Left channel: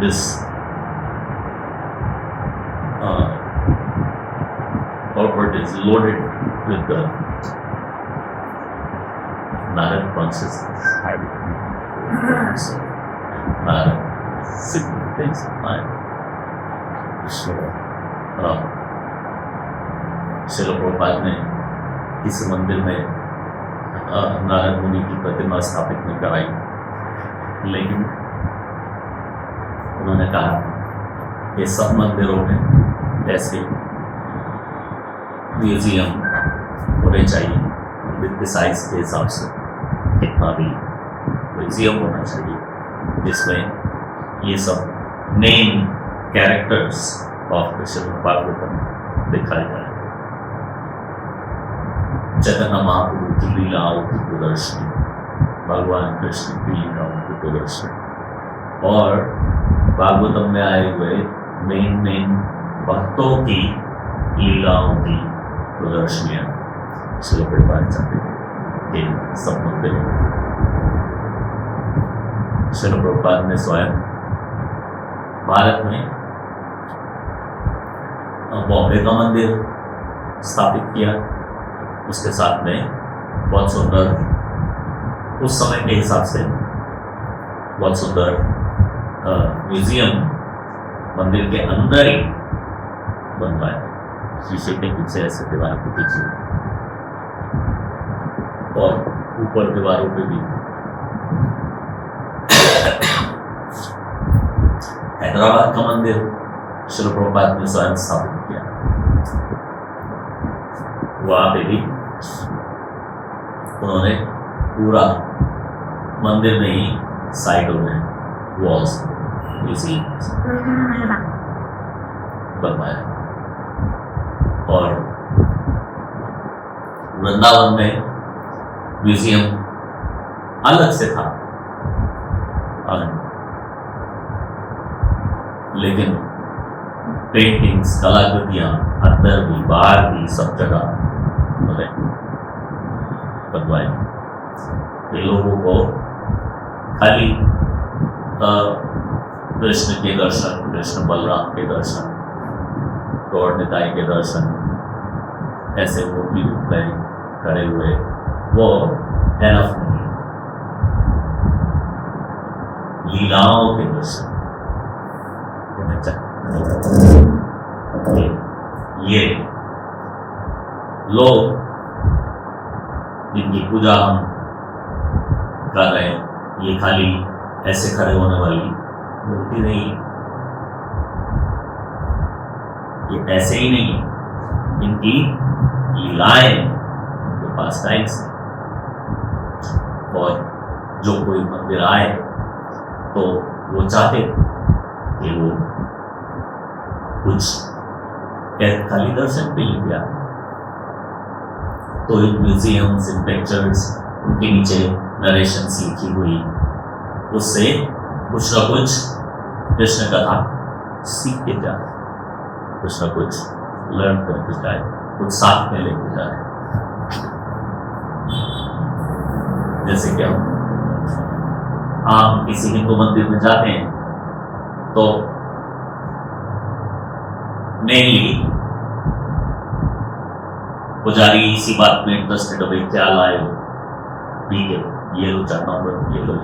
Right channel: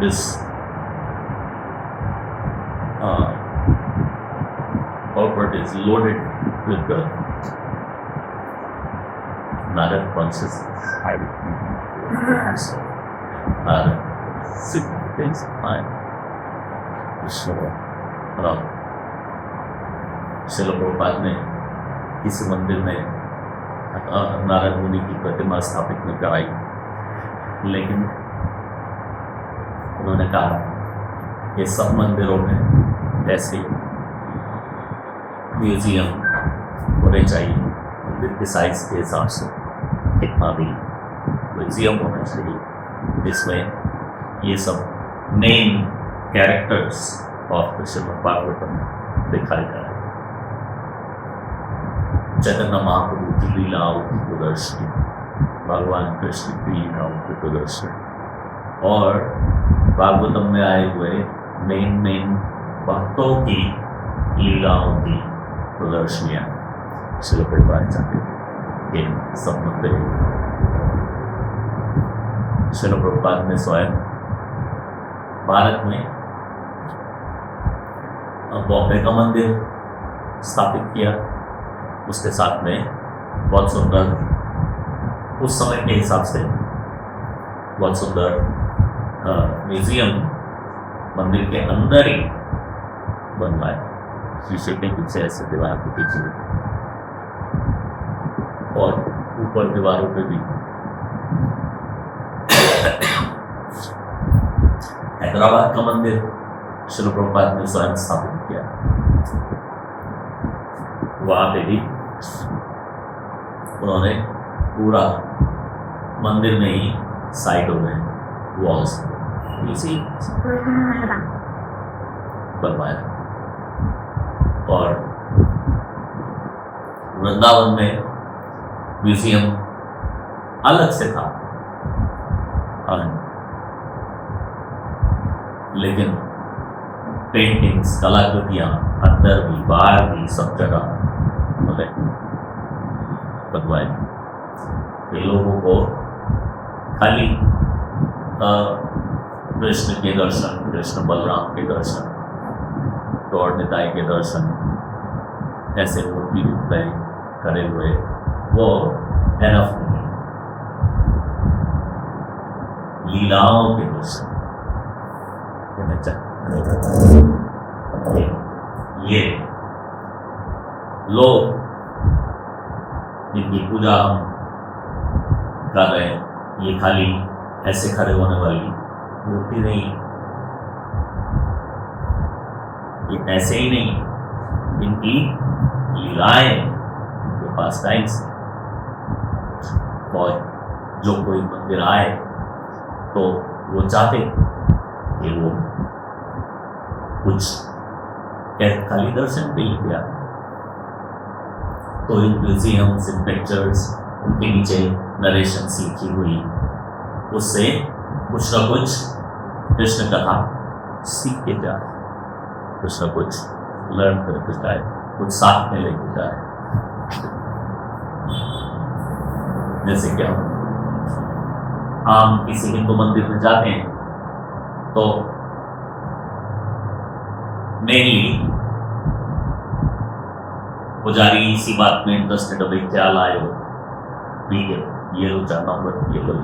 this purport is loaded with the Narad consciousness. Significance of mind. Srila Prabhupada ने किस मंदिर में नारद मुनि की प्रतिमा स्थापित नहीं कराई, लेकिन उन्होंने कहा ये सब मंदिरों में ऐसे म्यूजियम होने चाहिए, मंदिर के साइज के हिसाब से कितना भी म्यूजियम होना चाहिए जिसमें ये सब main characters of Shrimad Bhagavatam दिखाए जाए। चैतन्य महाप्रभु की लीलाओं की प्रदर्शनी, भगवान कृष्ण की लीलाओं की प्रदर्शनी और भागवतम में आए हुए मेन भक्तों की लीलाओं की प्रदर्शनियाँ श्रील प्रभुपाद चाहते थे कि सब मंदिर। श्रील प्रभुपाद ने स्वयं भारत में बॉम्बे का मंदिर स्थापित किया, उसके साथ में बहुत सुंदर, उस समय के हिसाब से बहुत सुंदर म्यूजियम मंदिर के अंदर ही बनवाया, शीशे के पीछे ऐसे दीवार के पीछे और ऊपर दीवारों पे भी। हैदराबाद का मंदिर श्रील प्रभुपाद ने स्वयं स्थापित किया, वहाँ पे भी उन्होंने पूरा मंदिर में ही साइडों में वॉल्स इसी बनवाया। और वृंदावन में म्यूजियम अलग से था, लेकिन पेंटिंग्स, कलाकृतियाँ अंदर भी बाहर भी सब जगह बनवाए। ये लोगों को खाली कृष्ण के दर्शन, कृष्ण बलराम के दर्शन, गौर निताई के दर्शन, ऐसे मूर्ति रूप में खड़े हुए वो एनफ नहीं, लीलाओं के दर्शन ये लोग जिनकी पूजा हम कर रहे हैं, ये खाली ऐसे खड़े होने वाली मूर्ति नहीं, ये ऐसे ही नहीं, इनकी लीलाएं, इनके पास टाइम्स। और जो कोई मंदिर आए तो वो चाहते कि वो कुछ खाली दर्शन पे ही दिया, तो इन म्यूजियम्स, इन पिक्चर्स, उनके नीचे नरेशंस लिखी हुई, उससे कुछ न कुछ कृष्ण कथा सीख के जाए, कुछ न कुछ लर्न करके जाए, कुछ साथ में लेके जाए। जैसे कि हम किसी हिंदू मंदिर में जाते हैं तो मेनली पुजारी इसी बात में इंटरेस्टेड हो, भाई क्या लाए हो, ठीक है ये लो चाहता ये लो,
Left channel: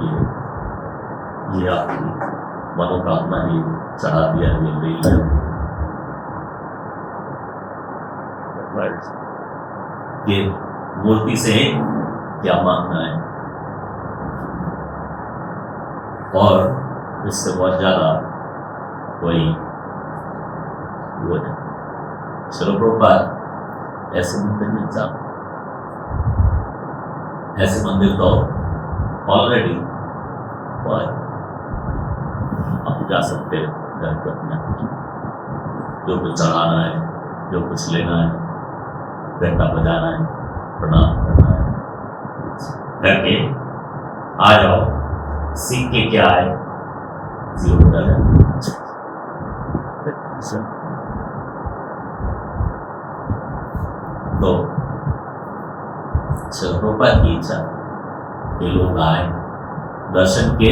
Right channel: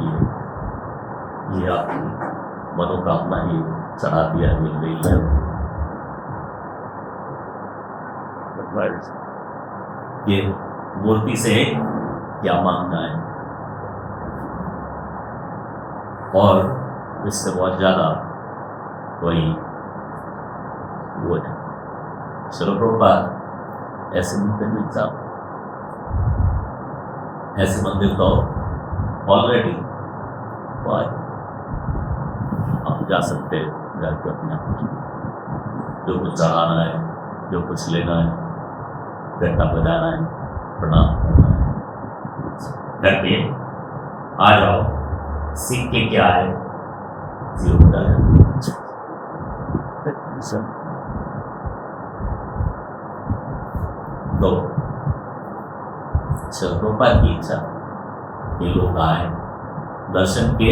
ये आपकी मनोकामना ये चढ़ा दिया, ये ले लो। ये मूर्ति से क्या मांगना है, और इससे बहुत ज़्यादा कोई वो है। श्रील प्रभुपाद ऐसे मंदिर में जाओ, ऐसे मंदिर तो ऑलरेडी आप जा सकते हैं, घर पर अपने जो कुछ चढ़ाना है, जो कुछ लेना है, घंटा बजाना है, प्रणाम करना है, करके आ जाओ, सीख के क्या है जीवन है। तो श्रील प्रभुपाद की इच्छा कि लोग आए, दर्शन के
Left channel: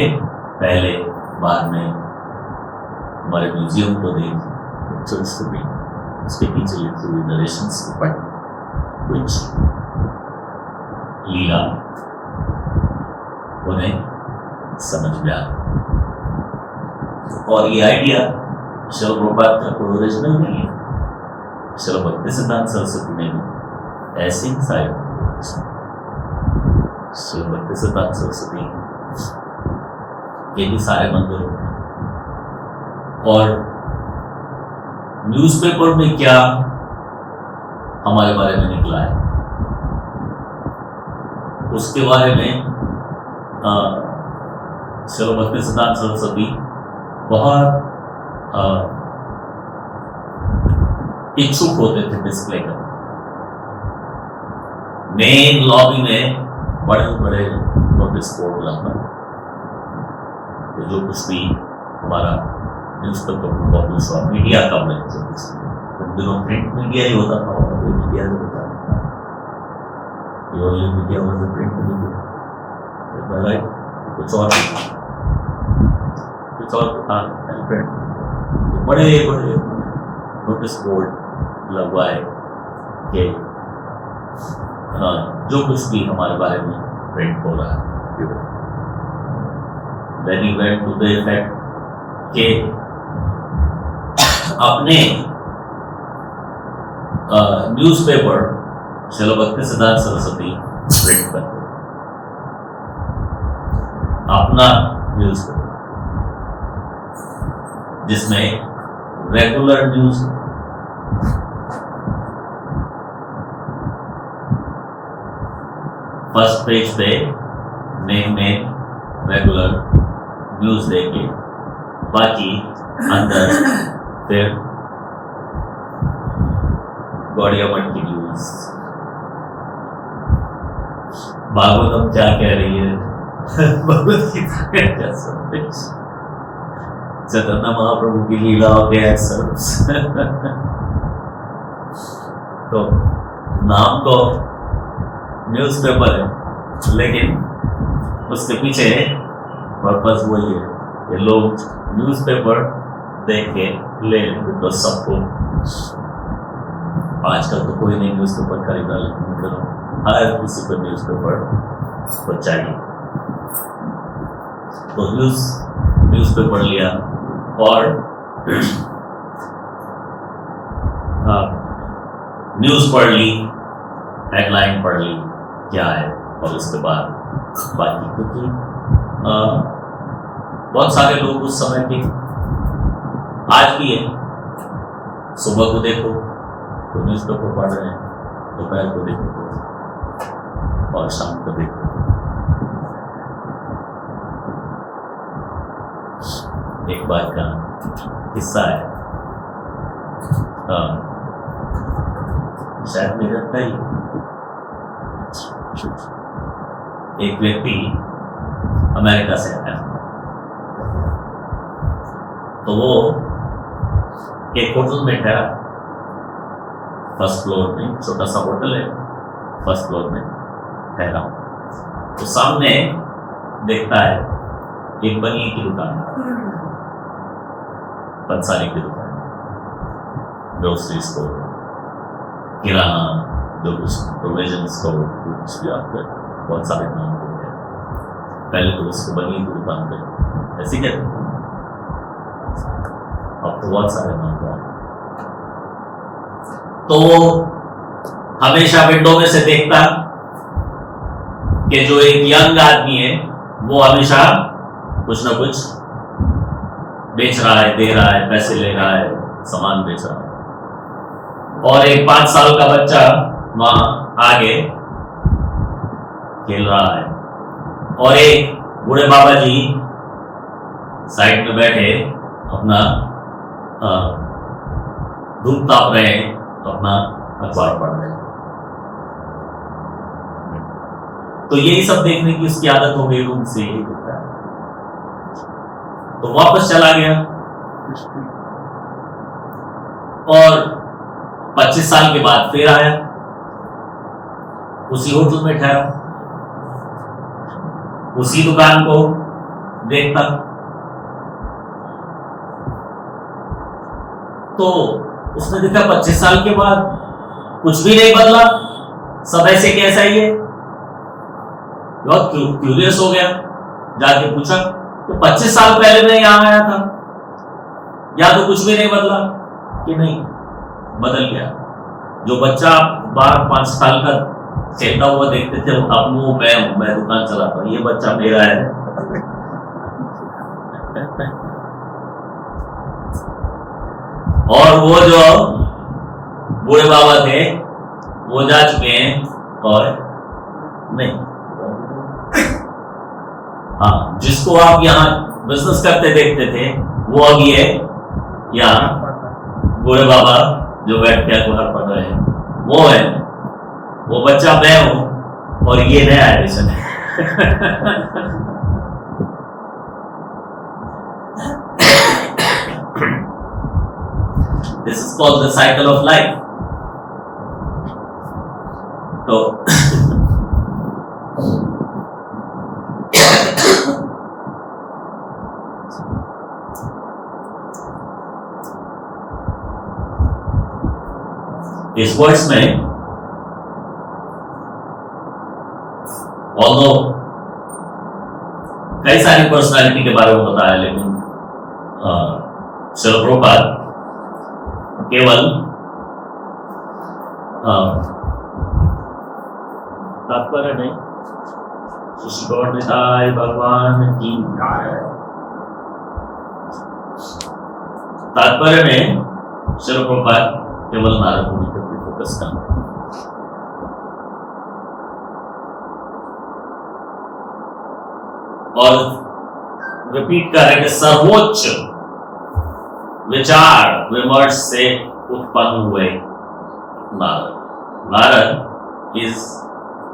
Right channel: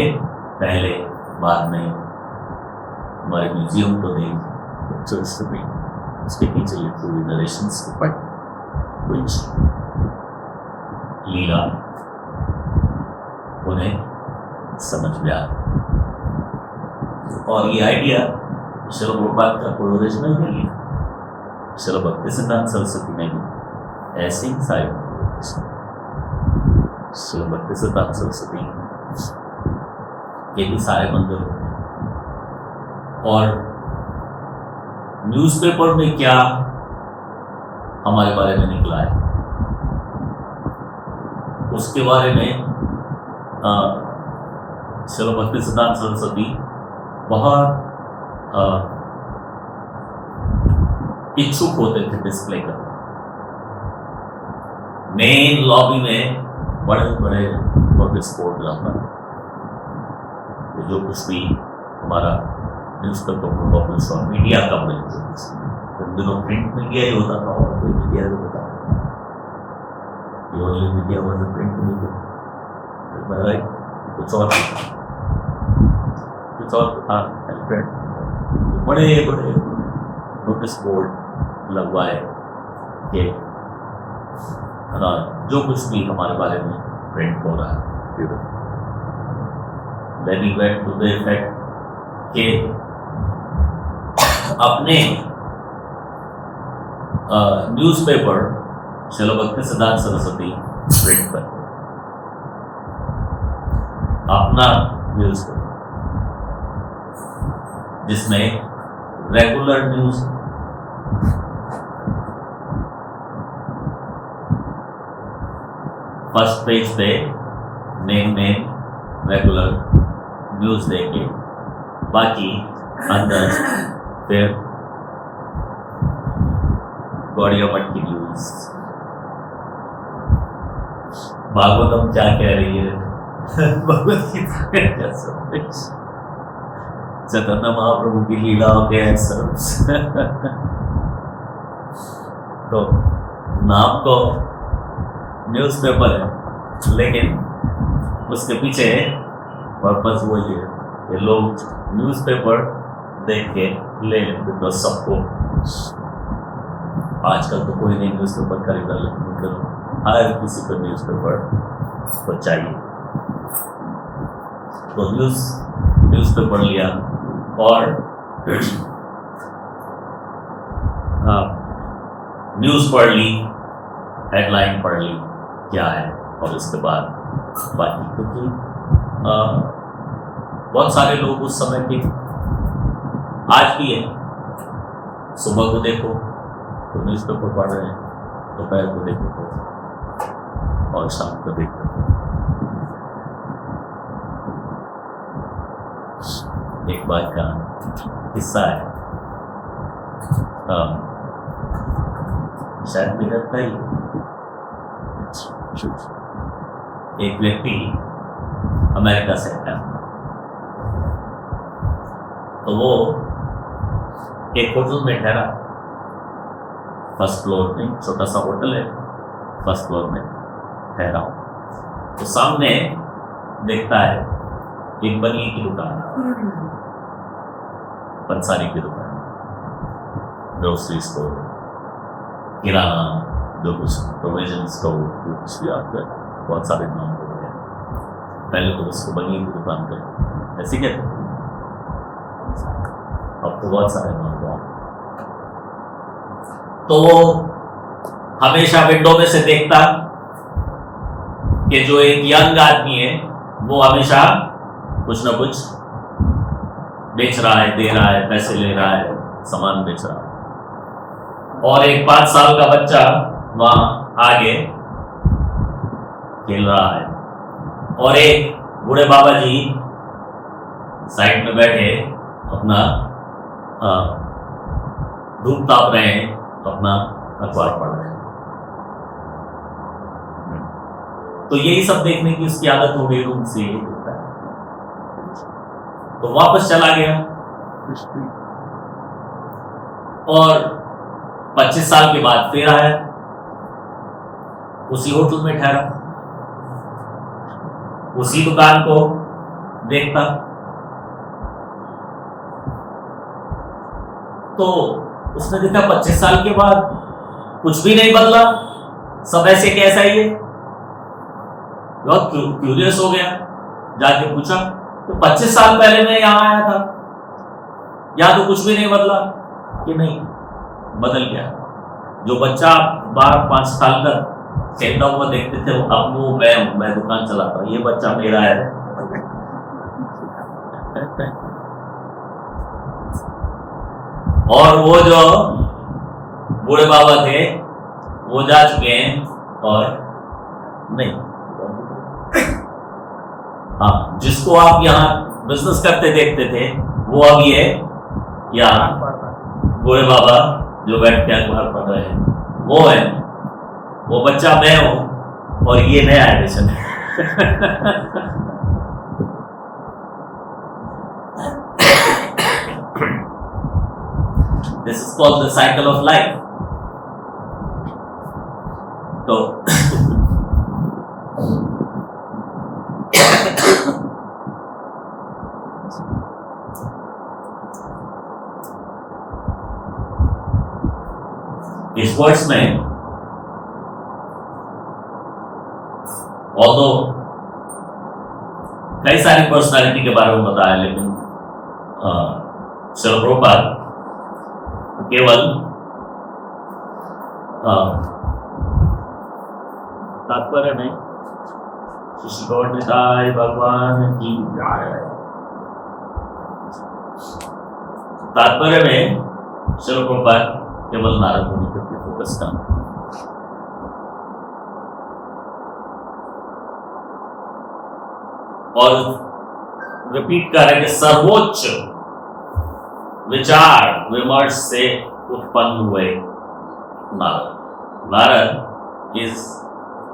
पहले बाद में हमारे म्यूजियम को देख, पिक्चर्स को देख, उसके पीछे लिखी हुई नरेशंस को पढ़, कुछ लीला उन्हें समझ में आए। और ये आइडिया श्रील प्रभुपाद का कोई ओरिजिनल नहीं है, श्रील भक्तिसिद्धांत सरस्वती ने भी ऐसे ही साइड श्रील भक्तिसिद्धांत सरस्वती के भी सारे मंदिर होते हैं। और न्यूज़पेपर में क्या हमारे बारे में निकला है उसके बारे में श्रील भक्तिसिद्धांत सरस्वती बहुत इच्छुक होते थे डिस्प्ले करने। मेन लॉबी में बड़े बड़े नोटिस बोर्ड लगा, जो कुछ भी हमारा न्यूज़पेपर पब्लिश हुआ, मीडिया कवरेज उन दिनों प्रिंट मीडिया ही होता था, और कोई मीडिया नहीं होता। Only media was the print media, right? कुछ और था प्रिंट। बड़े बड़े नोटिस बोर्ड लगवाए कि जो कुछ भी हमारे बारे में प्रिंट हो रहा है। Then he went to the effect कि अपने न्यूज़पेपर श्रील भक्तिसिद्धांत सरस्वती प्रिंट पर अपना न्यूज़पेपर जिसमें रेगुलर न्यूज़, फर्स्ट पेज पे मेन रेगुलर न्यूज़ देके, बाकी अंदर फिर गौड़िया मठ की न्यूज़, भागवतम क्या कह रही है, भगवत गीता क्या संदेश, चैतन्य महाप्रभु की लीला के सब। तो नाम तो न्यूज़पेपर है, लेकिन उसके पीछे पर्पस वही है कि लोग न्यूज़पेपर देख के ले लें, बिकॉज सबको आजकल तो कोई नहीं न्यूज़पेपर खरीदा, लेकिन हर किसी को न्यूज़पेपर को चाहिए। तो न्यूज़पेपर लिया और न्यूज़ पढ़ ली, हेडलाइन पढ़ ली क्या है, और उसके बाद बाकी, क्योंकि बहुत सारे लोग उस समय के आज भी है, सुबह को देखो तो न्यूज़पेपर पढ़ रहे हैं, दोपहर को देखो तो, और शाम को देखो। एक बार का किस्सा है, शायद मेरा था ही, एक व्यक्ति अमेरिका से आया, तो वो एक होटल में ठहरा, फर्स्ट फ्लोर में, छोटा सा होटल है, फर्स्ट फ्लोर में ठहरा हूँ। तो सामने देखता है एक बनिए की दुकान, पंसारी की दुकान, ग्रोसरी स्टोर, किराना, जो कुछ प्रोविजन स्टोर, कुछ भी आता है, बहुत सारे नाम हो गए। पहले तो उसको बनिए की दुकान कर ऐसे कहते, अब तो बहुत सारे नाम हुआ। तो वो हमेशा विंडो में से देखता कि जो एक यंग आदमी है वो हमेशा कुछ ना कुछ बेच रहा है, दे रहा है, पैसे ले रहा है, सामान बेच रहा है, और एक 5 साल का बच्चा वहां आगे खेल रहा है, और एक बूढ़े बाबा जी साइड में बैठे अपना धूप ताप रहे हैं, अपना अखबार पढ़ रहे हैं। तो यही सब देखने की उसकी आदत हो गई, रूम से यही होता है। तो वापस चला गया और 25 साल के बाद फिर आया, उसी होटल में ठहरा, उसी दुकान को देखता, तो उसने देखा 25 साल के बाद कुछ भी नहीं बदला, सब ऐसे कैसा ही है। बहुत क्यूरियस हो गया, जाके पूछा कि 25 साल पहले मैं यहां आया था, या तो कुछ भी नहीं बदला, कि नहीं बदल गया। जो बच्चा आप 12-5 साल का खेलता हुआ देखते थे, अब वो मैं दुकान चलाता हूं, ये बच्चा मेरा है। और वो जो बूढ़े बाबा थे वो जा चुके हैं, और नहीं, हाँ, जिसको आप यहाँ बिजनेस करते देखते थे वो अब ये यहाँ बूढ़े बाबा जो बैठ के अखबार पढ़ रहे हैं वो है, वो बच्चा मैं हूं, और ये नया एडिशन है। This is called the cycle of life. तो इस वर्ड्स में ऑल्दो कई सारी पर्सनालिटी के बारे में बताया, लेकिन श्रील प्रभुपाद केवल तात्पर्य में निताय भगवान की तात्पर्य में श्रील प्रभुपाद केवल नारद मुनि पर फोकस करना। और रिपीट कर रहे कि सर्वोच्च विचार विमर्श से उत्पन्न हुए Narad. Narad is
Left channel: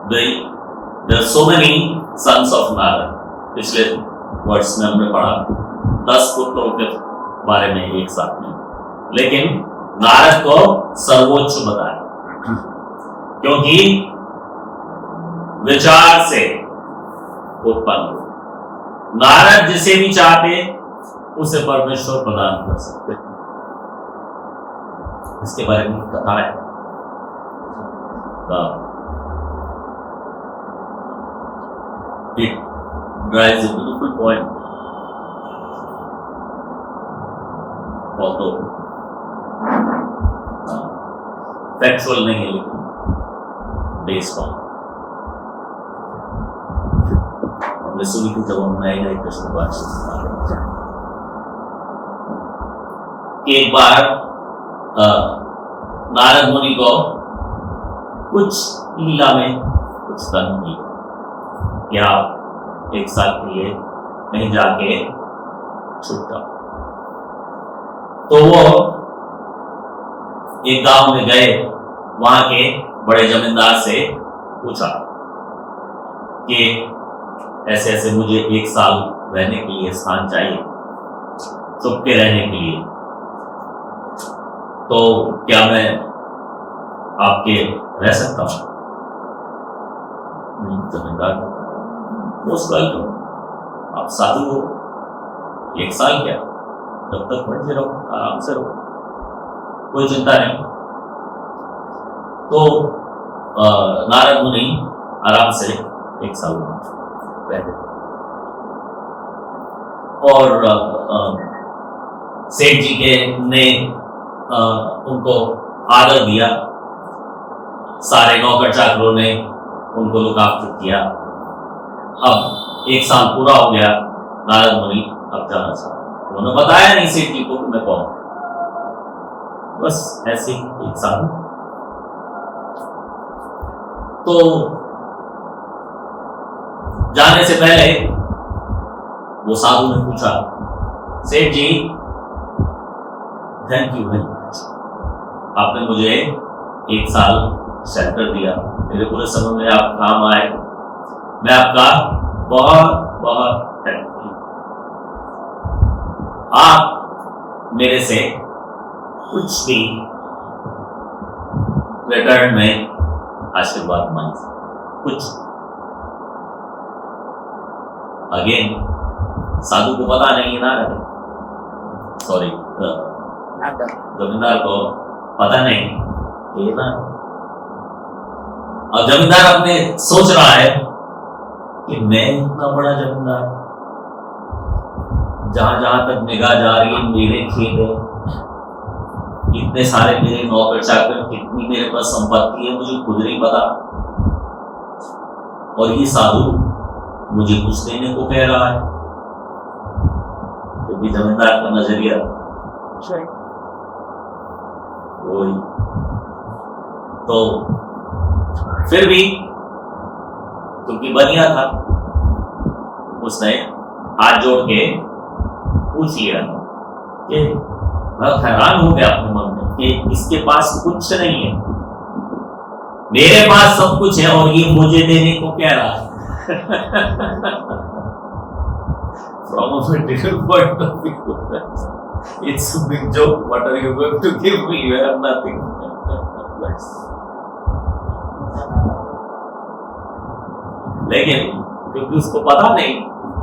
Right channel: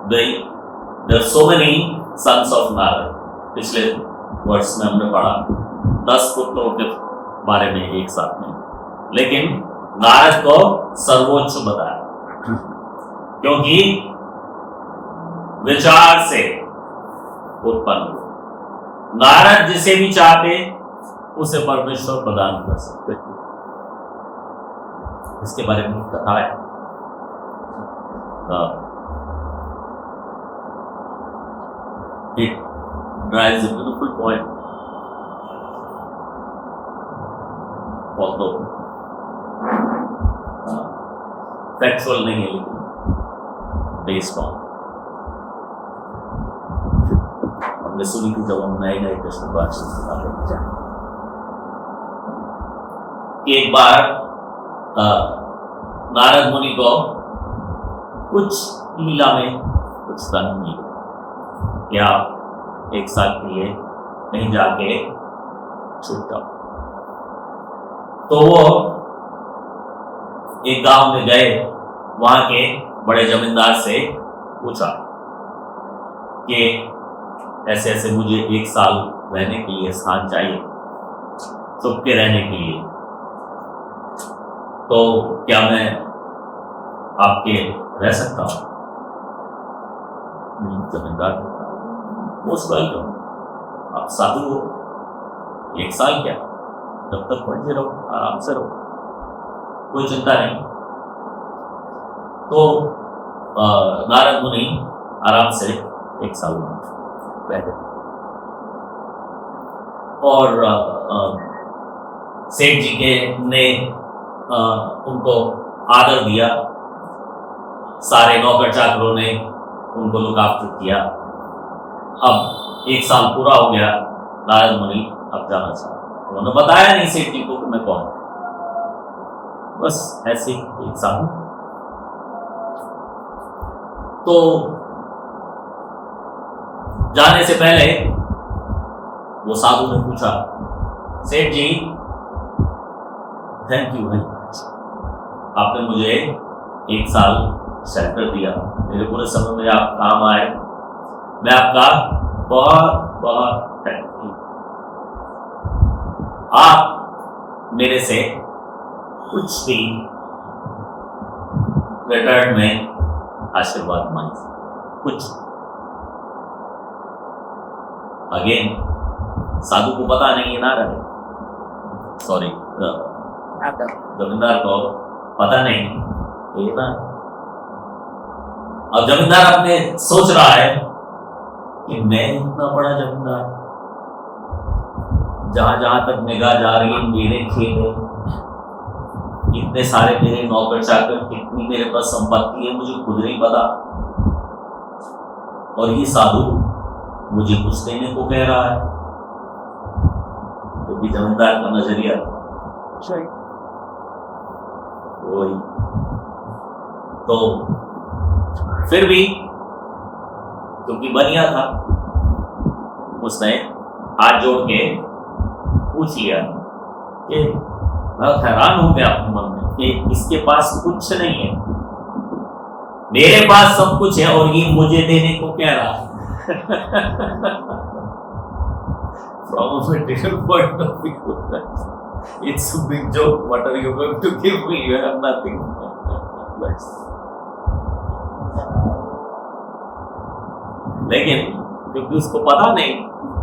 there so many sons of Narad. पिछले वर्ष में हमने पढ़ा 10 पुत्रों के बारे में एक साथ में, लेकिन नारद को सर्वोच्च बताया क्योंकि विचार से उत्पन्न हुआ। नारद जिसे भी चाहते उसे परमेश्वर प्रदान कर सकते। इसके बारे में कथा है। It drives a beautiful point. Although factual नहीं है, लेकिन based on हमने सुनी थी जब हम नए नए कृष्ण को आश्रम एक बार नारद मुनि को कुछ लीला में कुछ धन मिले कि आप 1 साल के लिए कहीं जाके छूट जाओ। तो वो एक गांव में गए, वहां के बड़े जमींदार से पूछा कि ऐसे ऐसे मुझे 1 साल रहने के लिए स्थान चाहिए, चुप के रहने के लिए, तो क्या मैं आपके रह सकता हूं? जमींदार मोस्ट वेलकम, आप साधु हो, 1 साल क्या, जब तक पढ़ते रहो, आराम से रहो, कोई चिंता नहीं। तो नारद मुनि आराम से 1 साल बैठे और सेठ जी के ने उनको आदर दिया, सारे नौकर चाकरों ने उनको लुक आफ्टर किया। अब 1 साल पूरा हो गया, नारद मुनि अब जाना चाहिए। उन्होंने बताया नहीं सेठ जी को कि मैं कौन, बस ऐसे 1 साल। तो जाने से पहले वो साधु ने पूछा, सेठ जी थैंक यू वेरी मच, आपने मुझे 1 साल शेल्टर दिया, मेरे पूरे समय में आप काम आए, मैं आपका बहुत बहुत थैंक यू। आप मेरे से कुछ भी रिटर्न में आशीर्वाद मांग, कुछ। अगेन साधु को पता नहीं है नारद, सॉरी जमींदार को पता नहीं ये ना। अब जमींदार अपने सोच रहा है कि मैं इतना बड़ा जमींदार, जहां जहां तक निगाह जा रही है मेरे खेत है, इतने सारे मेरे नौकर चाकर, कितनी मेरे पास संपत्ति है मुझे खुद नहीं पता, और ये साधु मुझे कुछ देने को कह रहा है। तो भी जमींदार का नजरिया वही। तो फिर भी क्योंकि बनिया था, उसने हाथ जोड़ के पूछ लिया कि बहुत हैरान हो गया अपने मन में कि इसके पास कुछ नहीं है, मेरे पास सब कुछ है और ये मुझे देने को कह रहा है। From a material point of view, it's a big joke. What are you going to give me? You have nothing. लेकिन क्योंकि उसको पता नहीं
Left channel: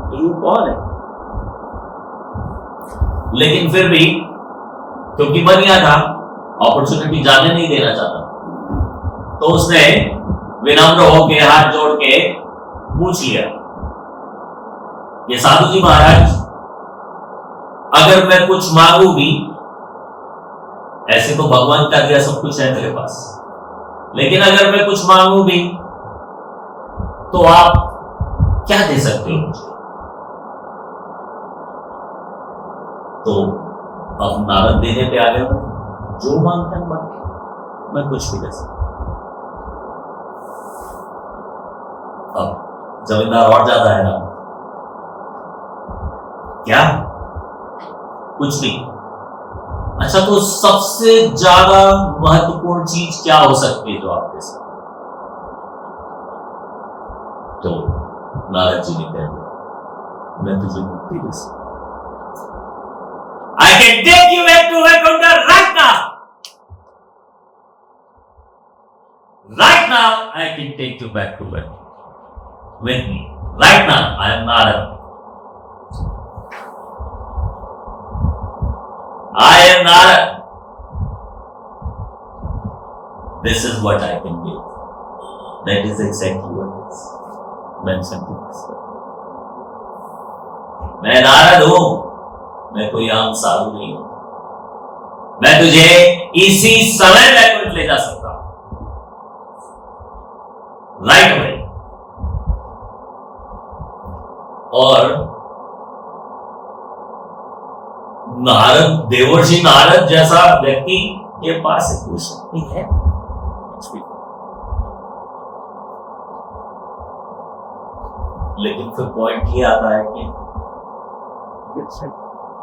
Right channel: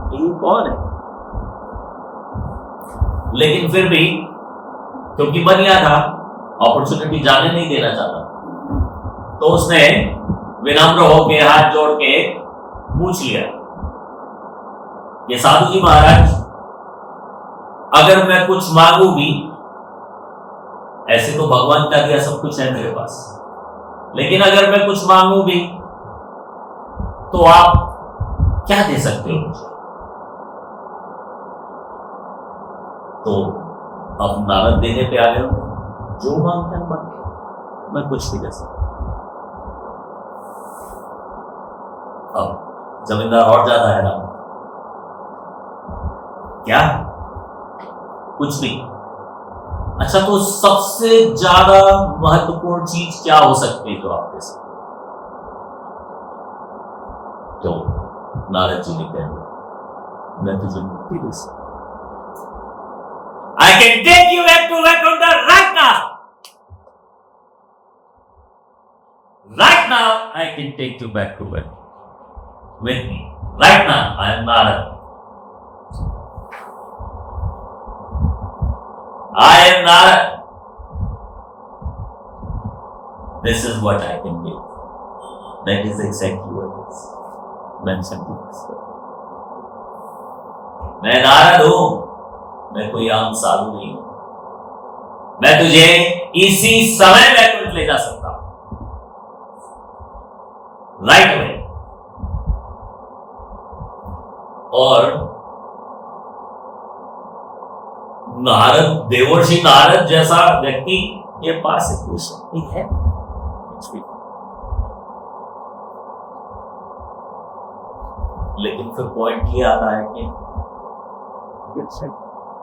कि ये कौन है, लेकिन फिर भी क्योंकि बनिया था, अपॉर्चुनिटी जाने नहीं देना चाहता, तो उसने विनम्र होके हाथ जोड़ के पूछ लिया, ये साधु जी महाराज, अगर मैं कुछ मांगू भी, ऐसे तो भगवान का दिया सब कुछ है मेरे पास, लेकिन अगर मैं कुछ मांगू भी तो आप क्या दे सकते हो मुझे? तो अब नारद देने पे आ गए, जो मांगते हैं मैं कुछ नहीं दे सकता। अब जमींदार और ज्यादा है ना, क्या कुछ नहीं। अच्छा, तो सबसे ज्यादा महत्वपूर्ण चीज क्या हो सकती है जो आपके साथ? तो नारद जी ने कह दिया, मैं तुझे मुक्ति दे सकता, I can take you back to Vaikuntha right now. Right now, I can take you back to Vaikuntha with me. Right now, I am Narad. I am Narad. This is what I can give. That is exactly what is mentioned in this verse. मैं नारद हूं, मैं कोई आम साधु नहीं हूं, मैं तुझे इसी समय वैकुंठ ले जा सकता हूं, राइट अवे। और नारद, देवर्षि नारद जैसा व्यक्ति के पास एक शक्ति है, लेकिन फिर पॉइंट ये आता है कि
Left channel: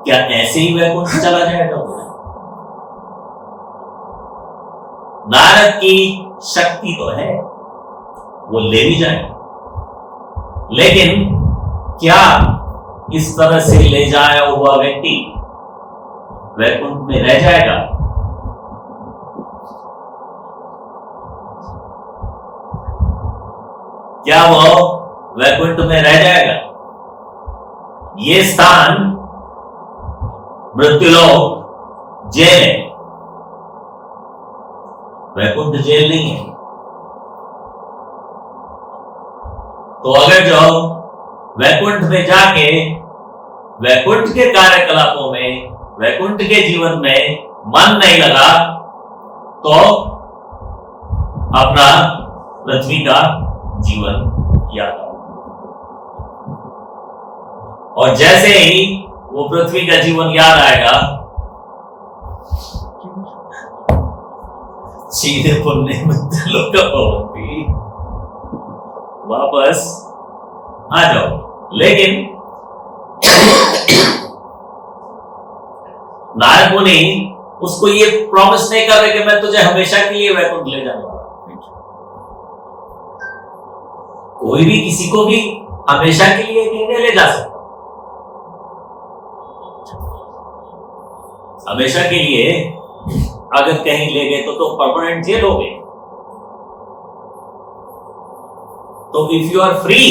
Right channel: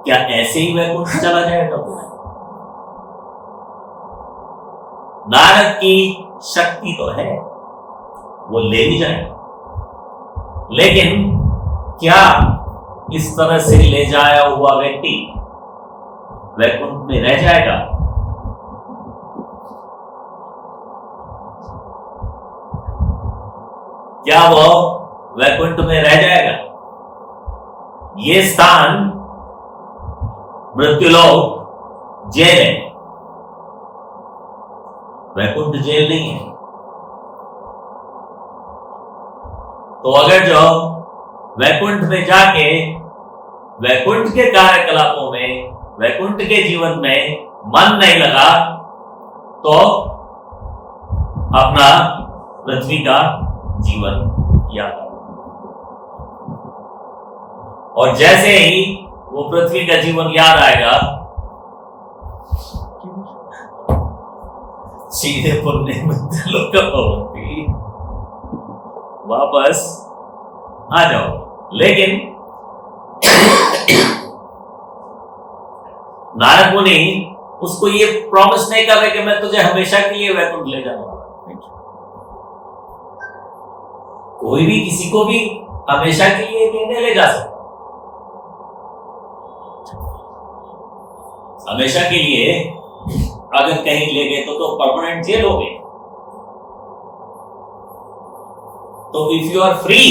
क्या ऐसे ही वैकुंठ चला जाएगा? नारद की शक्ति तो है, वो ले भी जाए, लेकिन क्या इस तरह से ले जाया हुआ व्यक्ति वैकुंठ में रह जाएगा? क्या वो वैकुंठ में रह जाएगा? ये स्थान मृत्युलोक जेल है, वैकुंठ जेल नहीं है। तो अगर जो वैकुंठ में जाके वैकुंठ के कार्यकलापों में, वैकुंठ के जीवन में मन नहीं लगा, तो अपना पृथ्वी का जीवन याद। और जैसे ही वो पृथ्वी का जीवन याद आएगा, सीधे पुण्य लोग होती, वापस आ जाओ। लेकिन नारद मुनि उसको ये प्रॉमिस नहीं कर रहे कि मैं तुझे हमेशा के लिए वैकुंठ ले जाऊंगा। कोई भी किसी को भी हमेशा के लिए नहीं ले जा सकता। हमेशा के लिए अगर कहीं ले गए तो परमानेंट जेल हो गए। तो if you are free,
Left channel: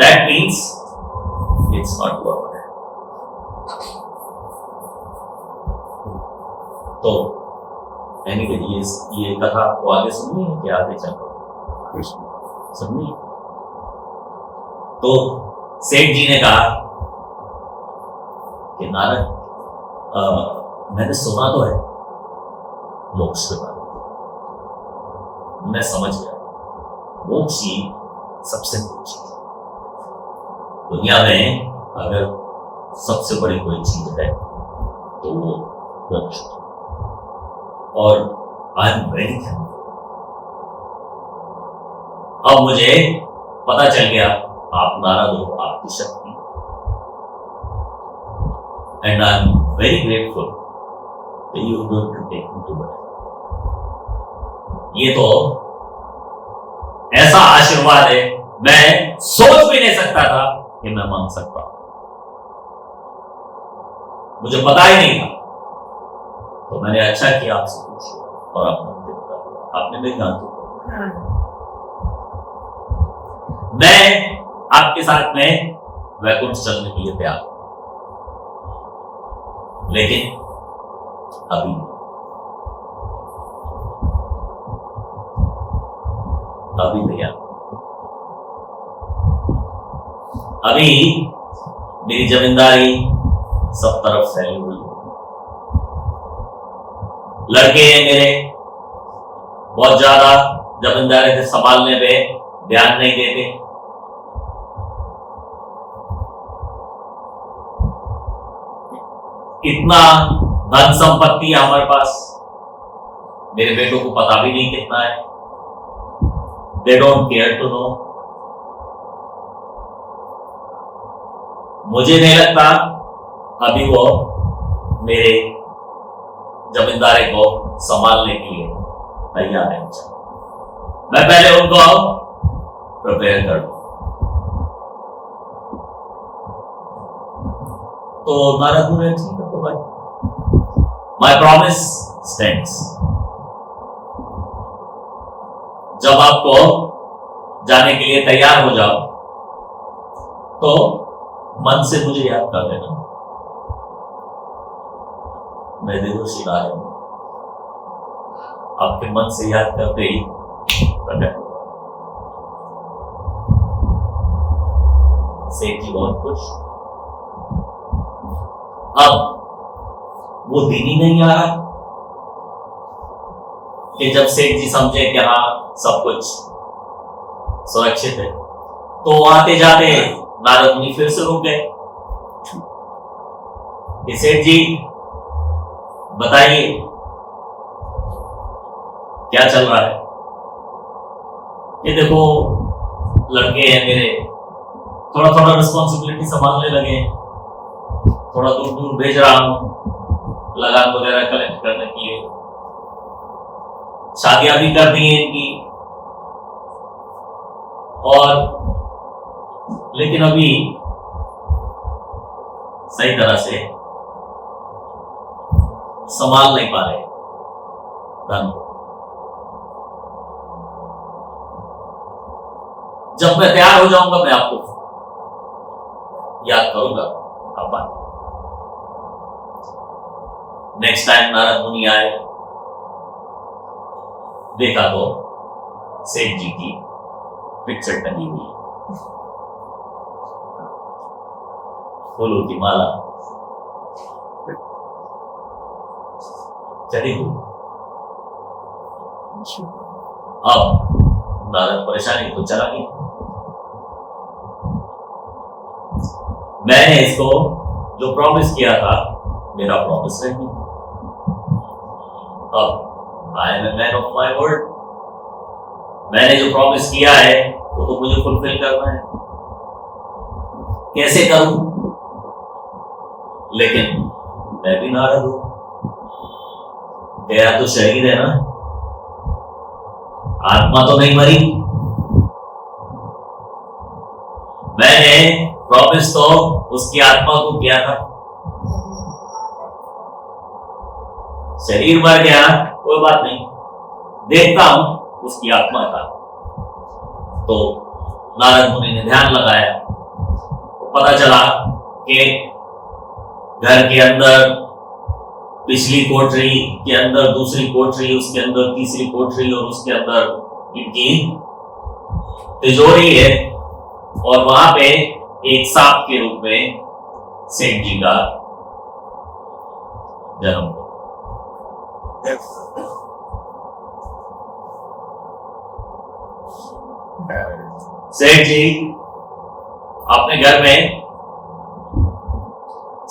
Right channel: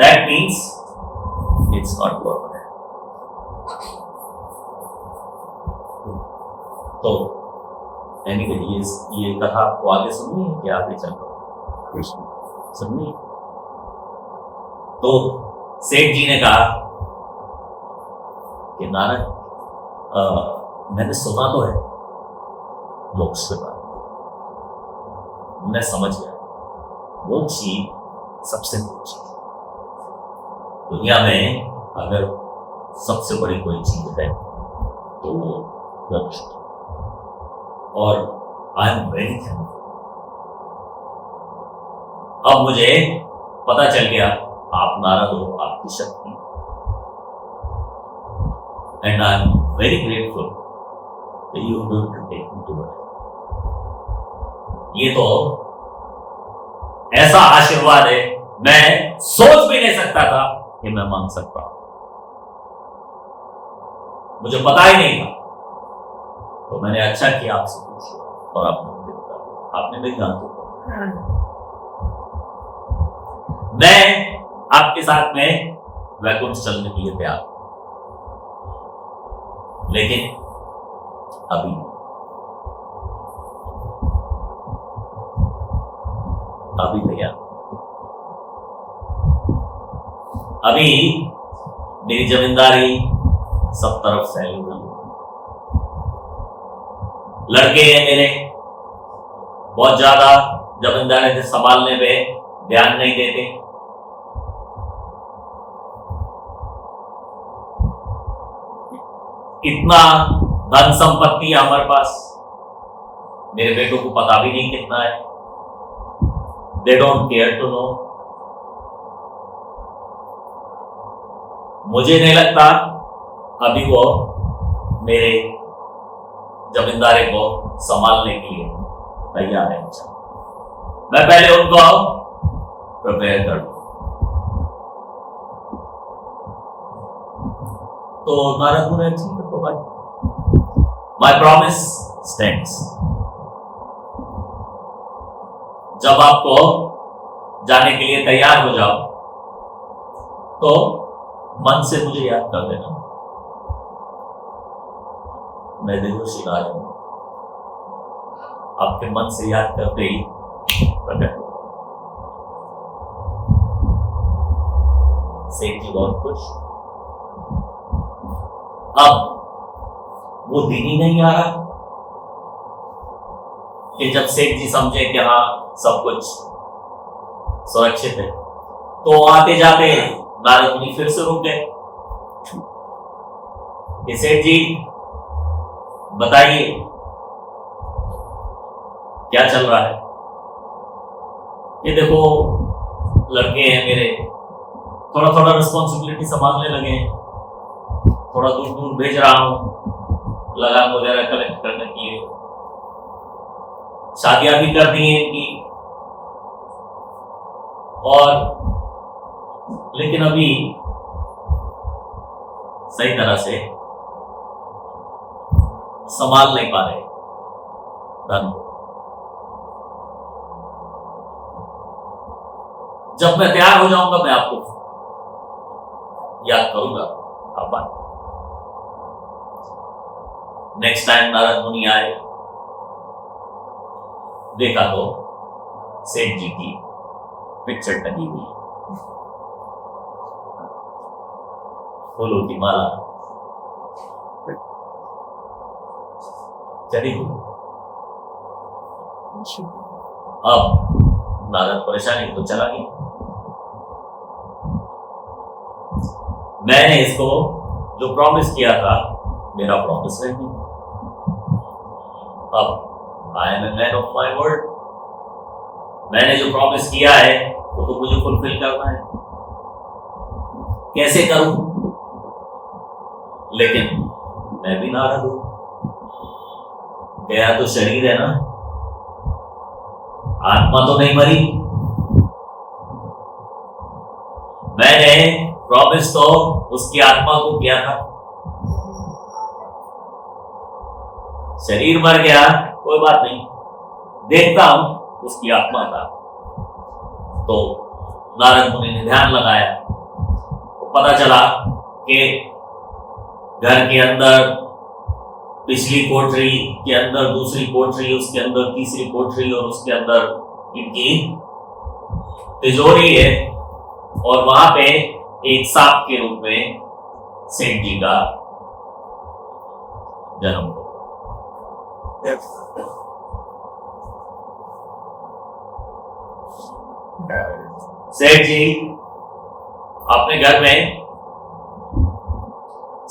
that means it's not permanent. तो एनीवे ये कथा को आगे सुननी है कि आगे चलो सुननी? तो सेठ जी ने कहा कि नारद, मैंने सुना तो है मोक्ष के बारे में, मैं समझ गया मोक्ष ही सबसे ऊंची दुनिया में अगर सबसे बड़ी कोई चीज है तो वो मोक्ष, और आई एम वेरी थैंकफुल। अब मुझे पता चल गया आप नारद हो, आपकी शक्ति, and I am very grateful that you are going to take me to it. ये तो ऐसा आशीर्वाद है, मैं सोच भी नहीं सकता था कि मैं मांग सकता हूं, मुझे पता ही नहीं था। तो मैंने अच्छा किया आपसे पूछा और आपने मेरी जान दी। मैं आपके साथ में वैकुंठ चलने के लिए तैयार, लेकिन अभी तैयार। अभी मेरी जमींदारी सब तरफ फैली हुई है, लड़के हैं मेरे, बहुत ज्यादा जमींदारी से संभालने पे ध्यान नहीं देते। इतना धन संपत्ति है हमारे पास, मेरे बेटों को पता भी नहीं कितना है, they don't care to know. मुझे नहीं लगता अभी वो मेरे जमींदारी को संभालने के लिए तैयार है। मैं पहले उनको प्रिपेयर कर दूं। तो नारद मुनि ठीक है, तो भाई माई प्रॉमिस स्टैंड्स। जब आपको जाने के लिए तैयार हो जाओ तो मन से मुझे याद कर देना, मैं देवर्षि राज हूं। आपके मन से याद करते ही प्रकट। सेठ जी बहुत खुश। अब वो दिन ही नहीं आ रहा कि जब सेठ जी समझे कि हाँ सब कुछ सुरक्षित है, तो आते जाते नारद मुनि फिर से रुक गए कि सेठ जी बताइए क्या चल रहा है। ये देखो लड़के हैं मेरे, थोड़ा थोड़ा रिस्पॉन्सिबिलिटी संभालने लगे हैं, थोड़ा दूर दूर भेज रहा हूं लगान वगैरह कलेक्ट करने के लिए, शादियां भी कर दी हैं इनकी, और लेकिन अभी सही तरह से संभाल नहीं पा रहे धन को। जब मैं तैयार हो जाऊंगा मैं आपको याद करूंगा। अब नेक्स्ट टाइम नारद मुनि आए, देखा तो सेठ जी की पिक्चर टंगी हुई, फूलों की माला चढ़ी हुई। अब नारद परेशानी तो चला गई। मैंने इसको जो प्रॉमिस किया था मेरा प्रॉमिस रह गया। अब I am a man of my word, मैंने जो प्रॉमिस किया है वो तो मुझे फुलफिल करना है। कैसे करूं? लेकिन मैं भी नारद हूं, गया तो शरीर है ना, आत्मा तो नहीं मरी। मैंने प्रॉमिस तो उसकी आत्मा को किया था, शरीर मर गया कोई बात नहीं, देखता हूं उसकी आत्मा का। तो नारद मुनि ने ध्यान लगाया तो पता चला कि घर के अंदर पिछली कोठरी के अंदर दूसरी कोठरी, उसके अंदर तीसरी कोठरी और उसके अंदर इनकी तिजोरी है, और वहां पे एक सांप के रूप में सेठ जी का जन्म हुआ। सेठ जी अपने घर में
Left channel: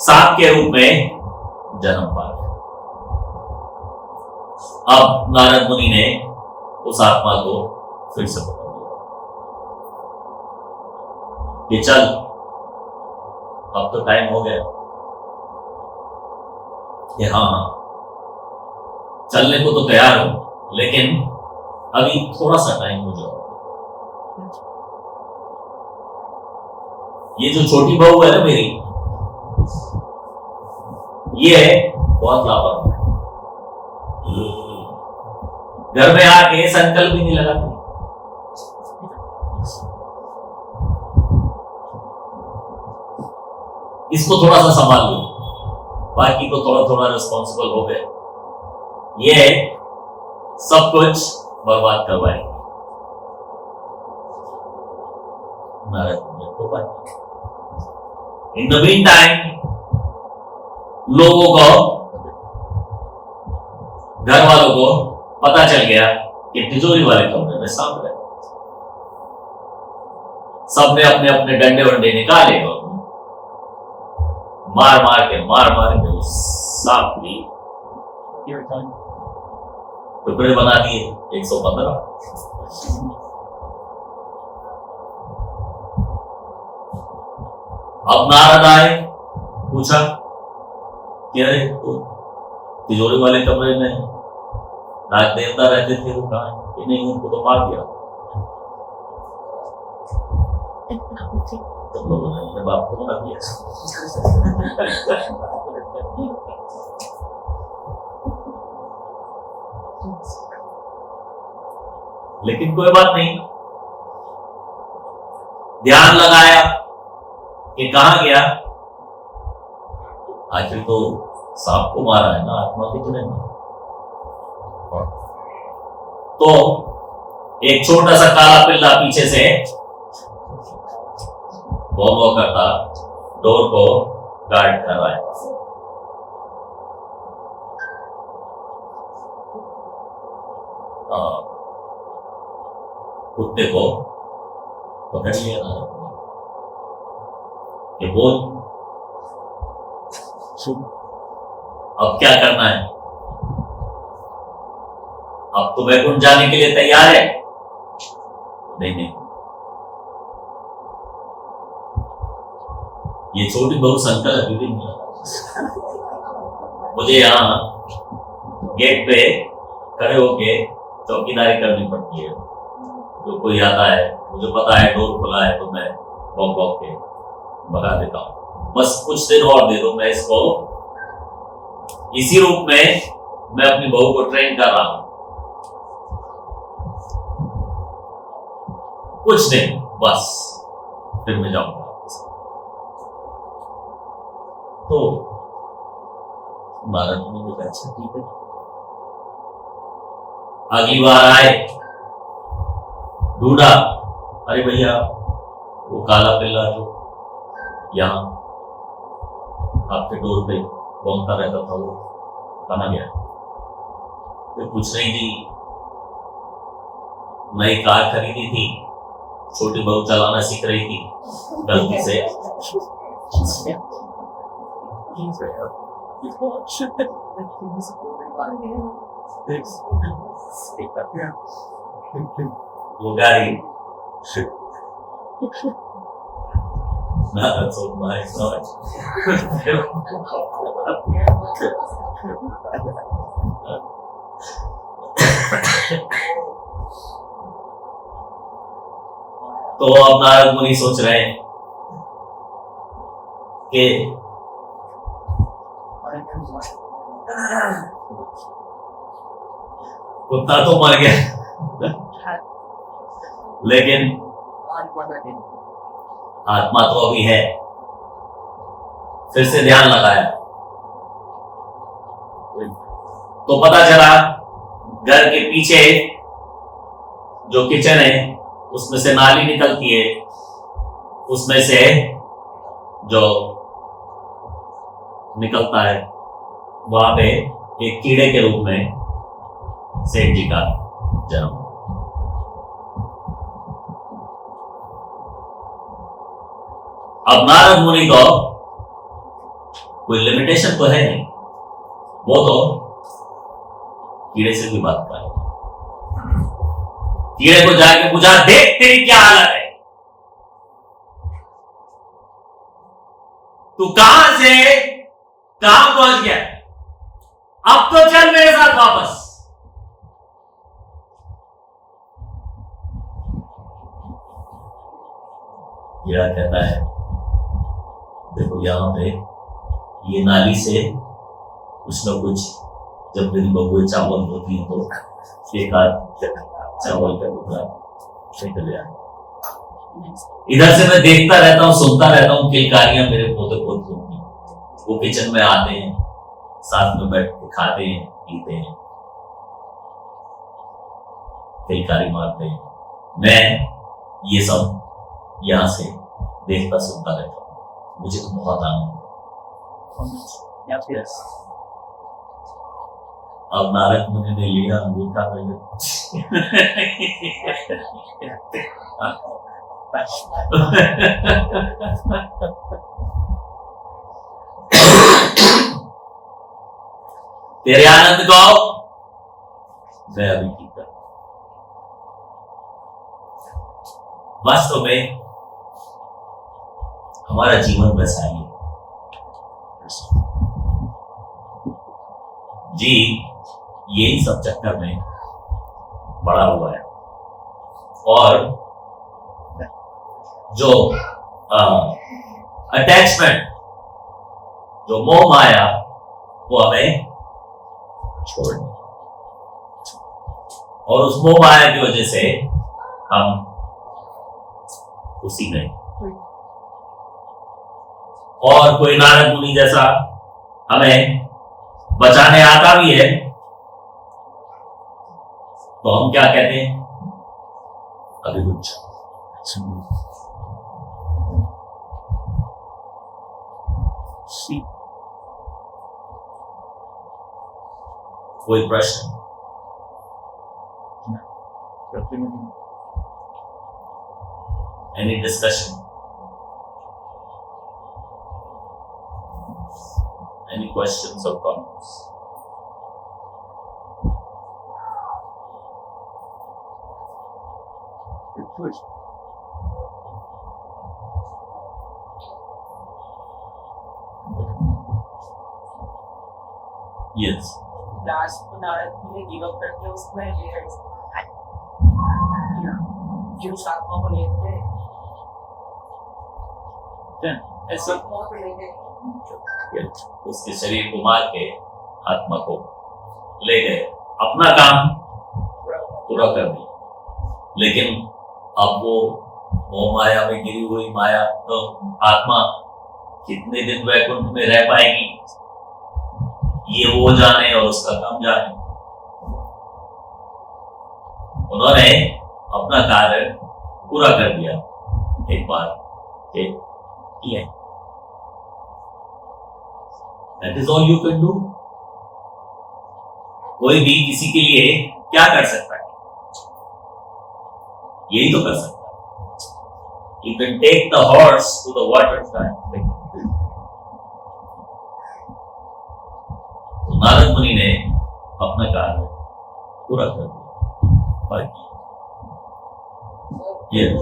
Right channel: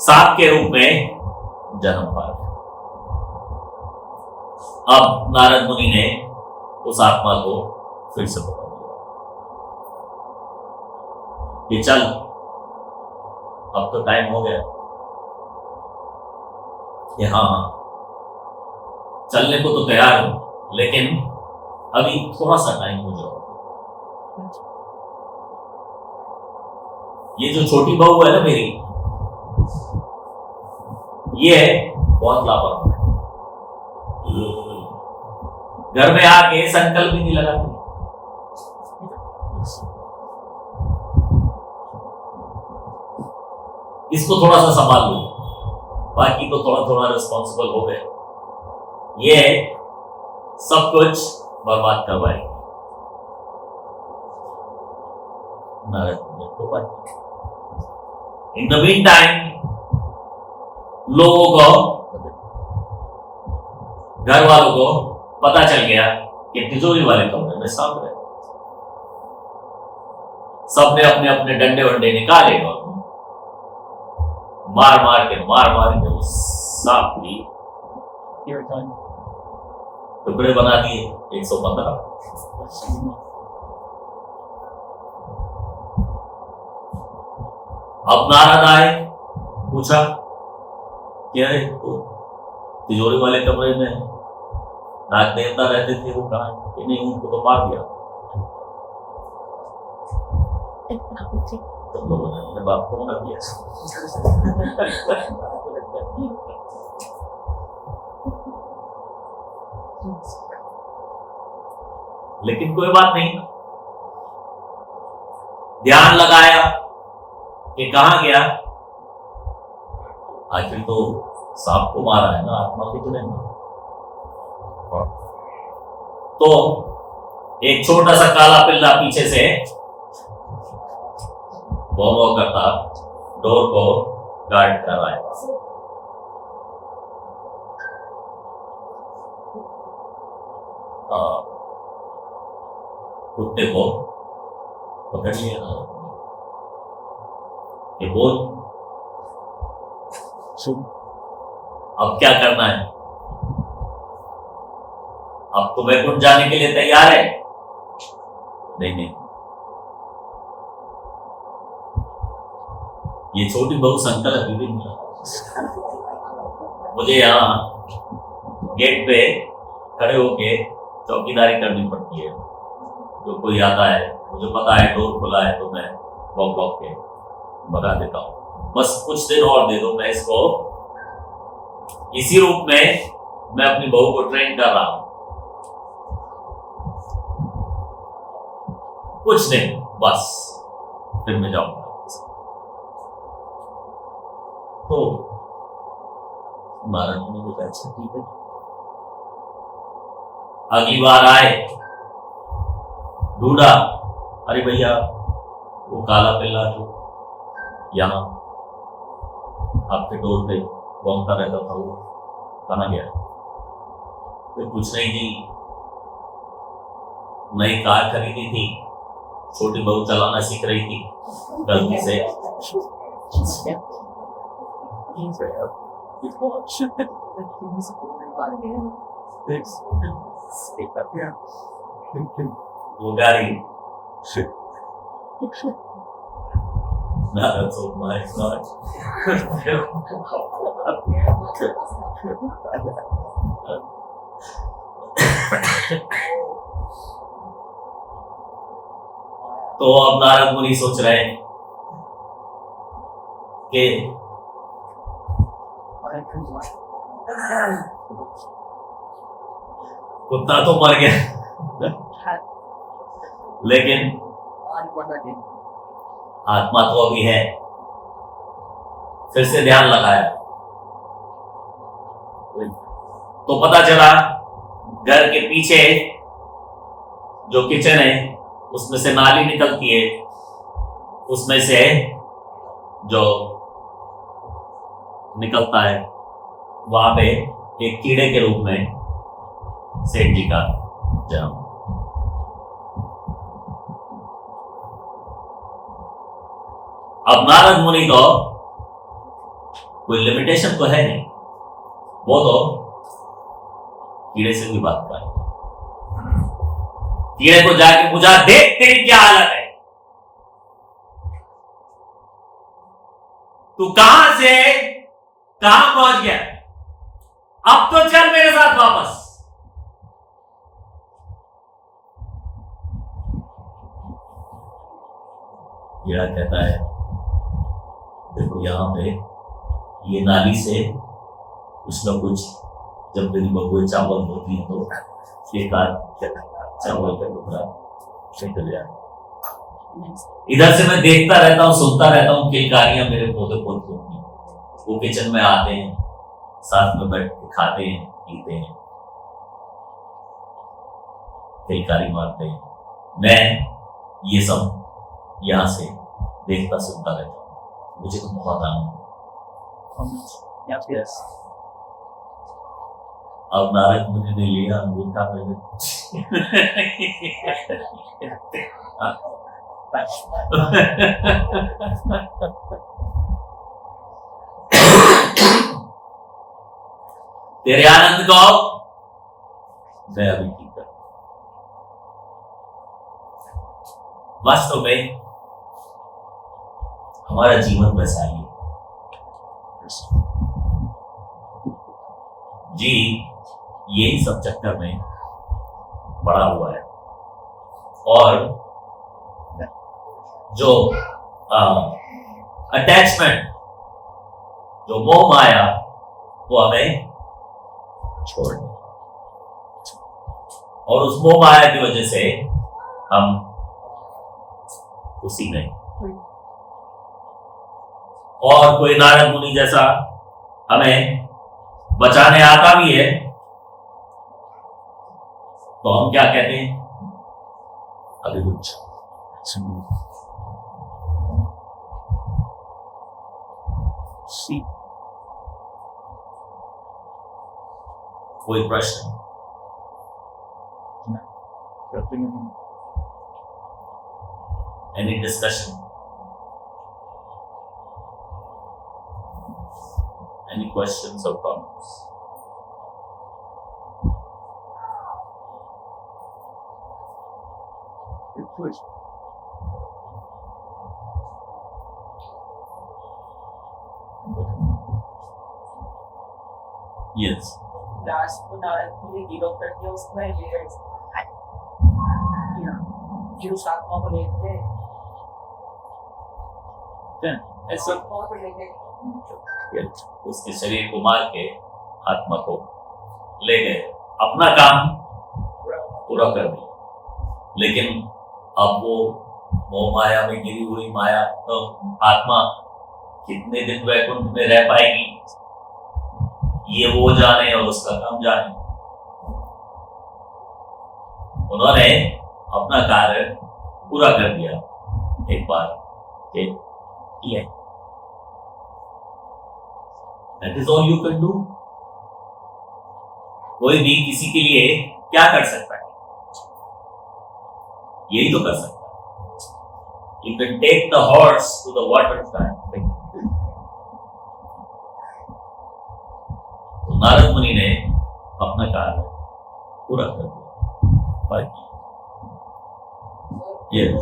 सांप के रूप में जन्म पाया। अब नारद मुनि ने उस आत्मा को फिर से पकड़ लिया कि चल, अब तो टाइम हो गया कि हाँ चलने को तो तैयार हूं, लेकिन अभी थोड़ा सा टाइम हो जाओ। ये जो छोटी बहू है ना मेरी, ये बहुत लापरवाह है, घर में आके संकल्प भी नहीं लगाती। इसको थोड़ा सा संभाल लो, बाकी तो थोड़ा थोड़ा रिस्पॉन्सिबल हो गए, ये सब कुछ बर्बाद करवाएगी। इन द मीन टाइम लोगों को, घर वालों को पता चल गया कि तिजोरी वाले कमरे में सांप है। सबने अपने अपने डंडे वंडे निकाले और मार मार के उस सांप की टुकड़े बना दिए 115। अब नारद आए, पूछा कि अरे तिजोरी वाले कमरे में नाग देवता रहते थे, वो कहा कि नहीं, उनको तो मार दिया। तो लोगों ने अपने बाप को मार दिया। लेकिन कोई बात नहीं, ध्यान लगाया कि कहां गया, आखिर तो सांप को मारा है ना, आत्मा को नहीं। तो एक छोटा सा काला पिल्ला पीछे से वो करता डोर को गार्ड कर रहा है। कुत्ते को पकड़ लिया कि बोल अब क्या करना है, अब तो वैकुंठ जाने के लिए तैयार है? नहीं, ये छोटी बहू संकल्प अभी भी नहीं है। मुझे यहाँ गेट पे खड़े होके चौकीदारी करनी पड़ती है। जो कोई आता है, मुझे पता है डोर खुला है, तो मैं बॉक के भगा देता हूँ। बस कुछ दिन और दे दो, मैं इसको इसी रूप में मैं अपनी बहू को ट्रेन कर रहा हूं। कुछ दिन बस, फिर मैं जाऊंगा। तो नारद मुनि ने कहा अच्छा ठीक है। अगली बार आए, ढूंढा, अरे भैया वो काला पिल्ला जो यहाँ आपके डोर पे घूमता रहता था, वो कहाँ गया? फिर पूछ रही थी, नई कार खरीदी थी, छोटी बहू चलाना सीख रही थी, गलती से वो गाड़ी No, that's all my God. तो अब नारद मुनि सोच रहे हैं कि कुत्ता तो मर गया, लेकिन आत्मा तो अभी है। फिर से ध्यान लगाया तो पता चला घर के पीछे जो किचन है उसमें से नाली निकलती है, उसमें से जो निकलता है वहां पे एक कीड़े के रूप में सेठ जी का जन्म। अब नारद मुनि को कोई लिमिटेशन तो है नहीं, वो तो कीड़े से भी बात कर, कीड़े को जाके पूछा, देख तेरी क्या हालत है, तू कहां से कहां पहुंच गया, अब तो चल मेरे साथ वापस। कीड़ा कहता है, देखो यहां पे ये नाली से कुछ न कुछ, जब मेरी बबुए चावल होती है तो एक आध चावल का टुकड़ा निकल जाए। इधर से मैं देखता रहता हूँ, सुनता रहता हूँ, किलकारियां मेरे पोते पोते होती हैं, वो किचन में आते हैं, साथ में बैठ के खाते हैं, पीते हैं, किलकारी मारते हैं, मैं ये सब यहां से देखता सुनता रहता हूँ, मुझे तो बहुत आनंद है। अब नारद मुनि ने लिया अंगूठा में तेरे आनंद को मैं अभी की कर, वास्तव में हमारा जीवन वैसा ही है जी, यही सब चक्कर में बड़ा हुआ है, और जो अटैचमेंट, जो मोह माया, वो हमें छोड़, और उस मोह माया की वजह से हम उसी में, और कोई नारद मुनि जैसा हमें बचाने आता भी है तो हम क्या कहते हैं, अभी कुछ कोई प्रश्न? Any discussion? Any questions or comments? Yes. Last Narad Muni give up करके उसको evidence किया, जो आत्मा को लेते हैं, ऐसा कौन को लेते हैं? उसके शरीर को मार के आत्मा को ले गए, अपना काम पूरा कर दिया, लेकिन अब वो मोह माया में गिरी हुई माया तो आत्मा कितने दिन वैकुंठ में रह पाएगी, ये वो जाने और उसका काम जाने। उन्होंने अपना कार्य पूरा कर दिया एक बार, किया। That is all you can do. कोई भी किसी के लिए क्या कर सकता है, यही तो कर सकता है। You can take the horse to the water side. तो नारद मुनि ने अपना कार्य पूरा कर दिया, बाकी yes.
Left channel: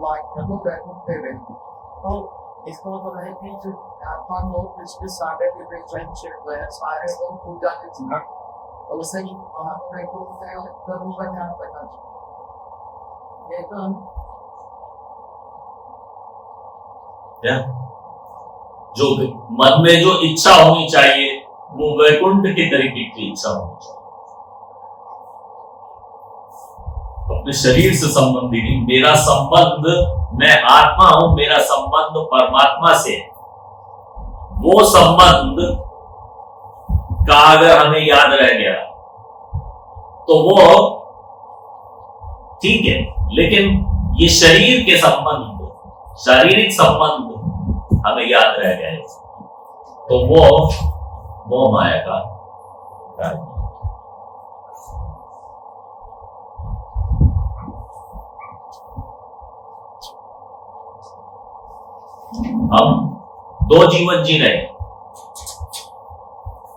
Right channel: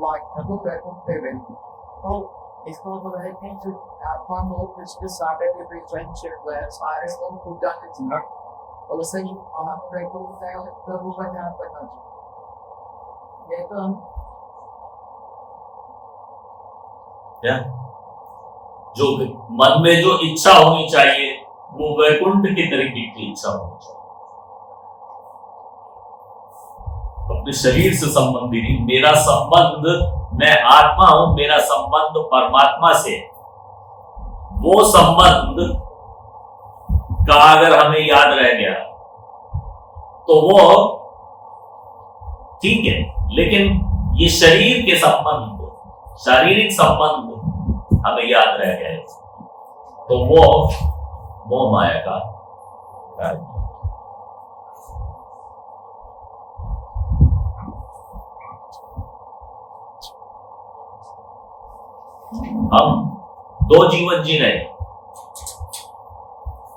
Like a little bit of living. Oh, it's called the meditation. Upon hope is decided to be friendship with Iris who done it. Well, the same on a grateful fail, the movement happened. Yeah. जो मन में जो इच्छा होनी चाहिए वो वैकुंठ के तरीके की इच्छा होनी चाहिए, अपने शरीर से संबंधी नहीं। मेरा संबंध, मैं आत्मा हूं, मेरा संबंध परमात्मा से, वो संबंध का अगर हमें याद रह गया तो वो ठीक है, लेकिन ये शरीर के संबंध, शारीरिक संबंध हमें याद रह गए तो वो मोह माया का कार्य। हम दो जीवन जी रहे,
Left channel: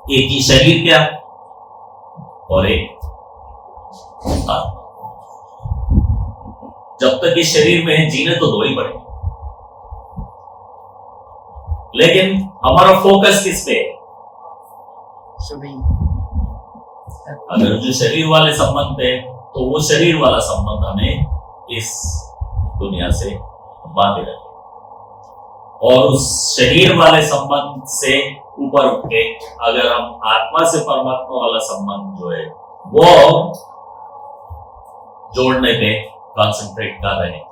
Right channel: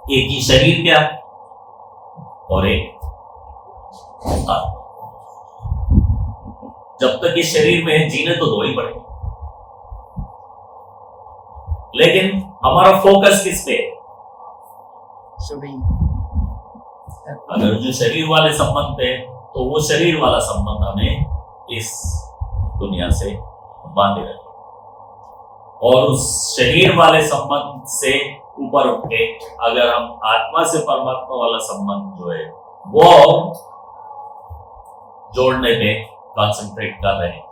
एक ही शरीर क्या और एक आत्मा। जब तक इस शरीर में जीने तो दो ही पड़ेंगे, लेकिन हमारा फोकस किस पे है? अगर जो शरीर वाले संबंध है तो वो शरीर वाला संबंध हमें इस दुनिया से बांधे रखे, और उस शरीर वाले संबंध से ऊपर उठ के अगर हम आत्मा से परमात्मा वाला संबंध जो है वो जोड़ने पे कॉन्सेंट्रेट कर रहे हैं।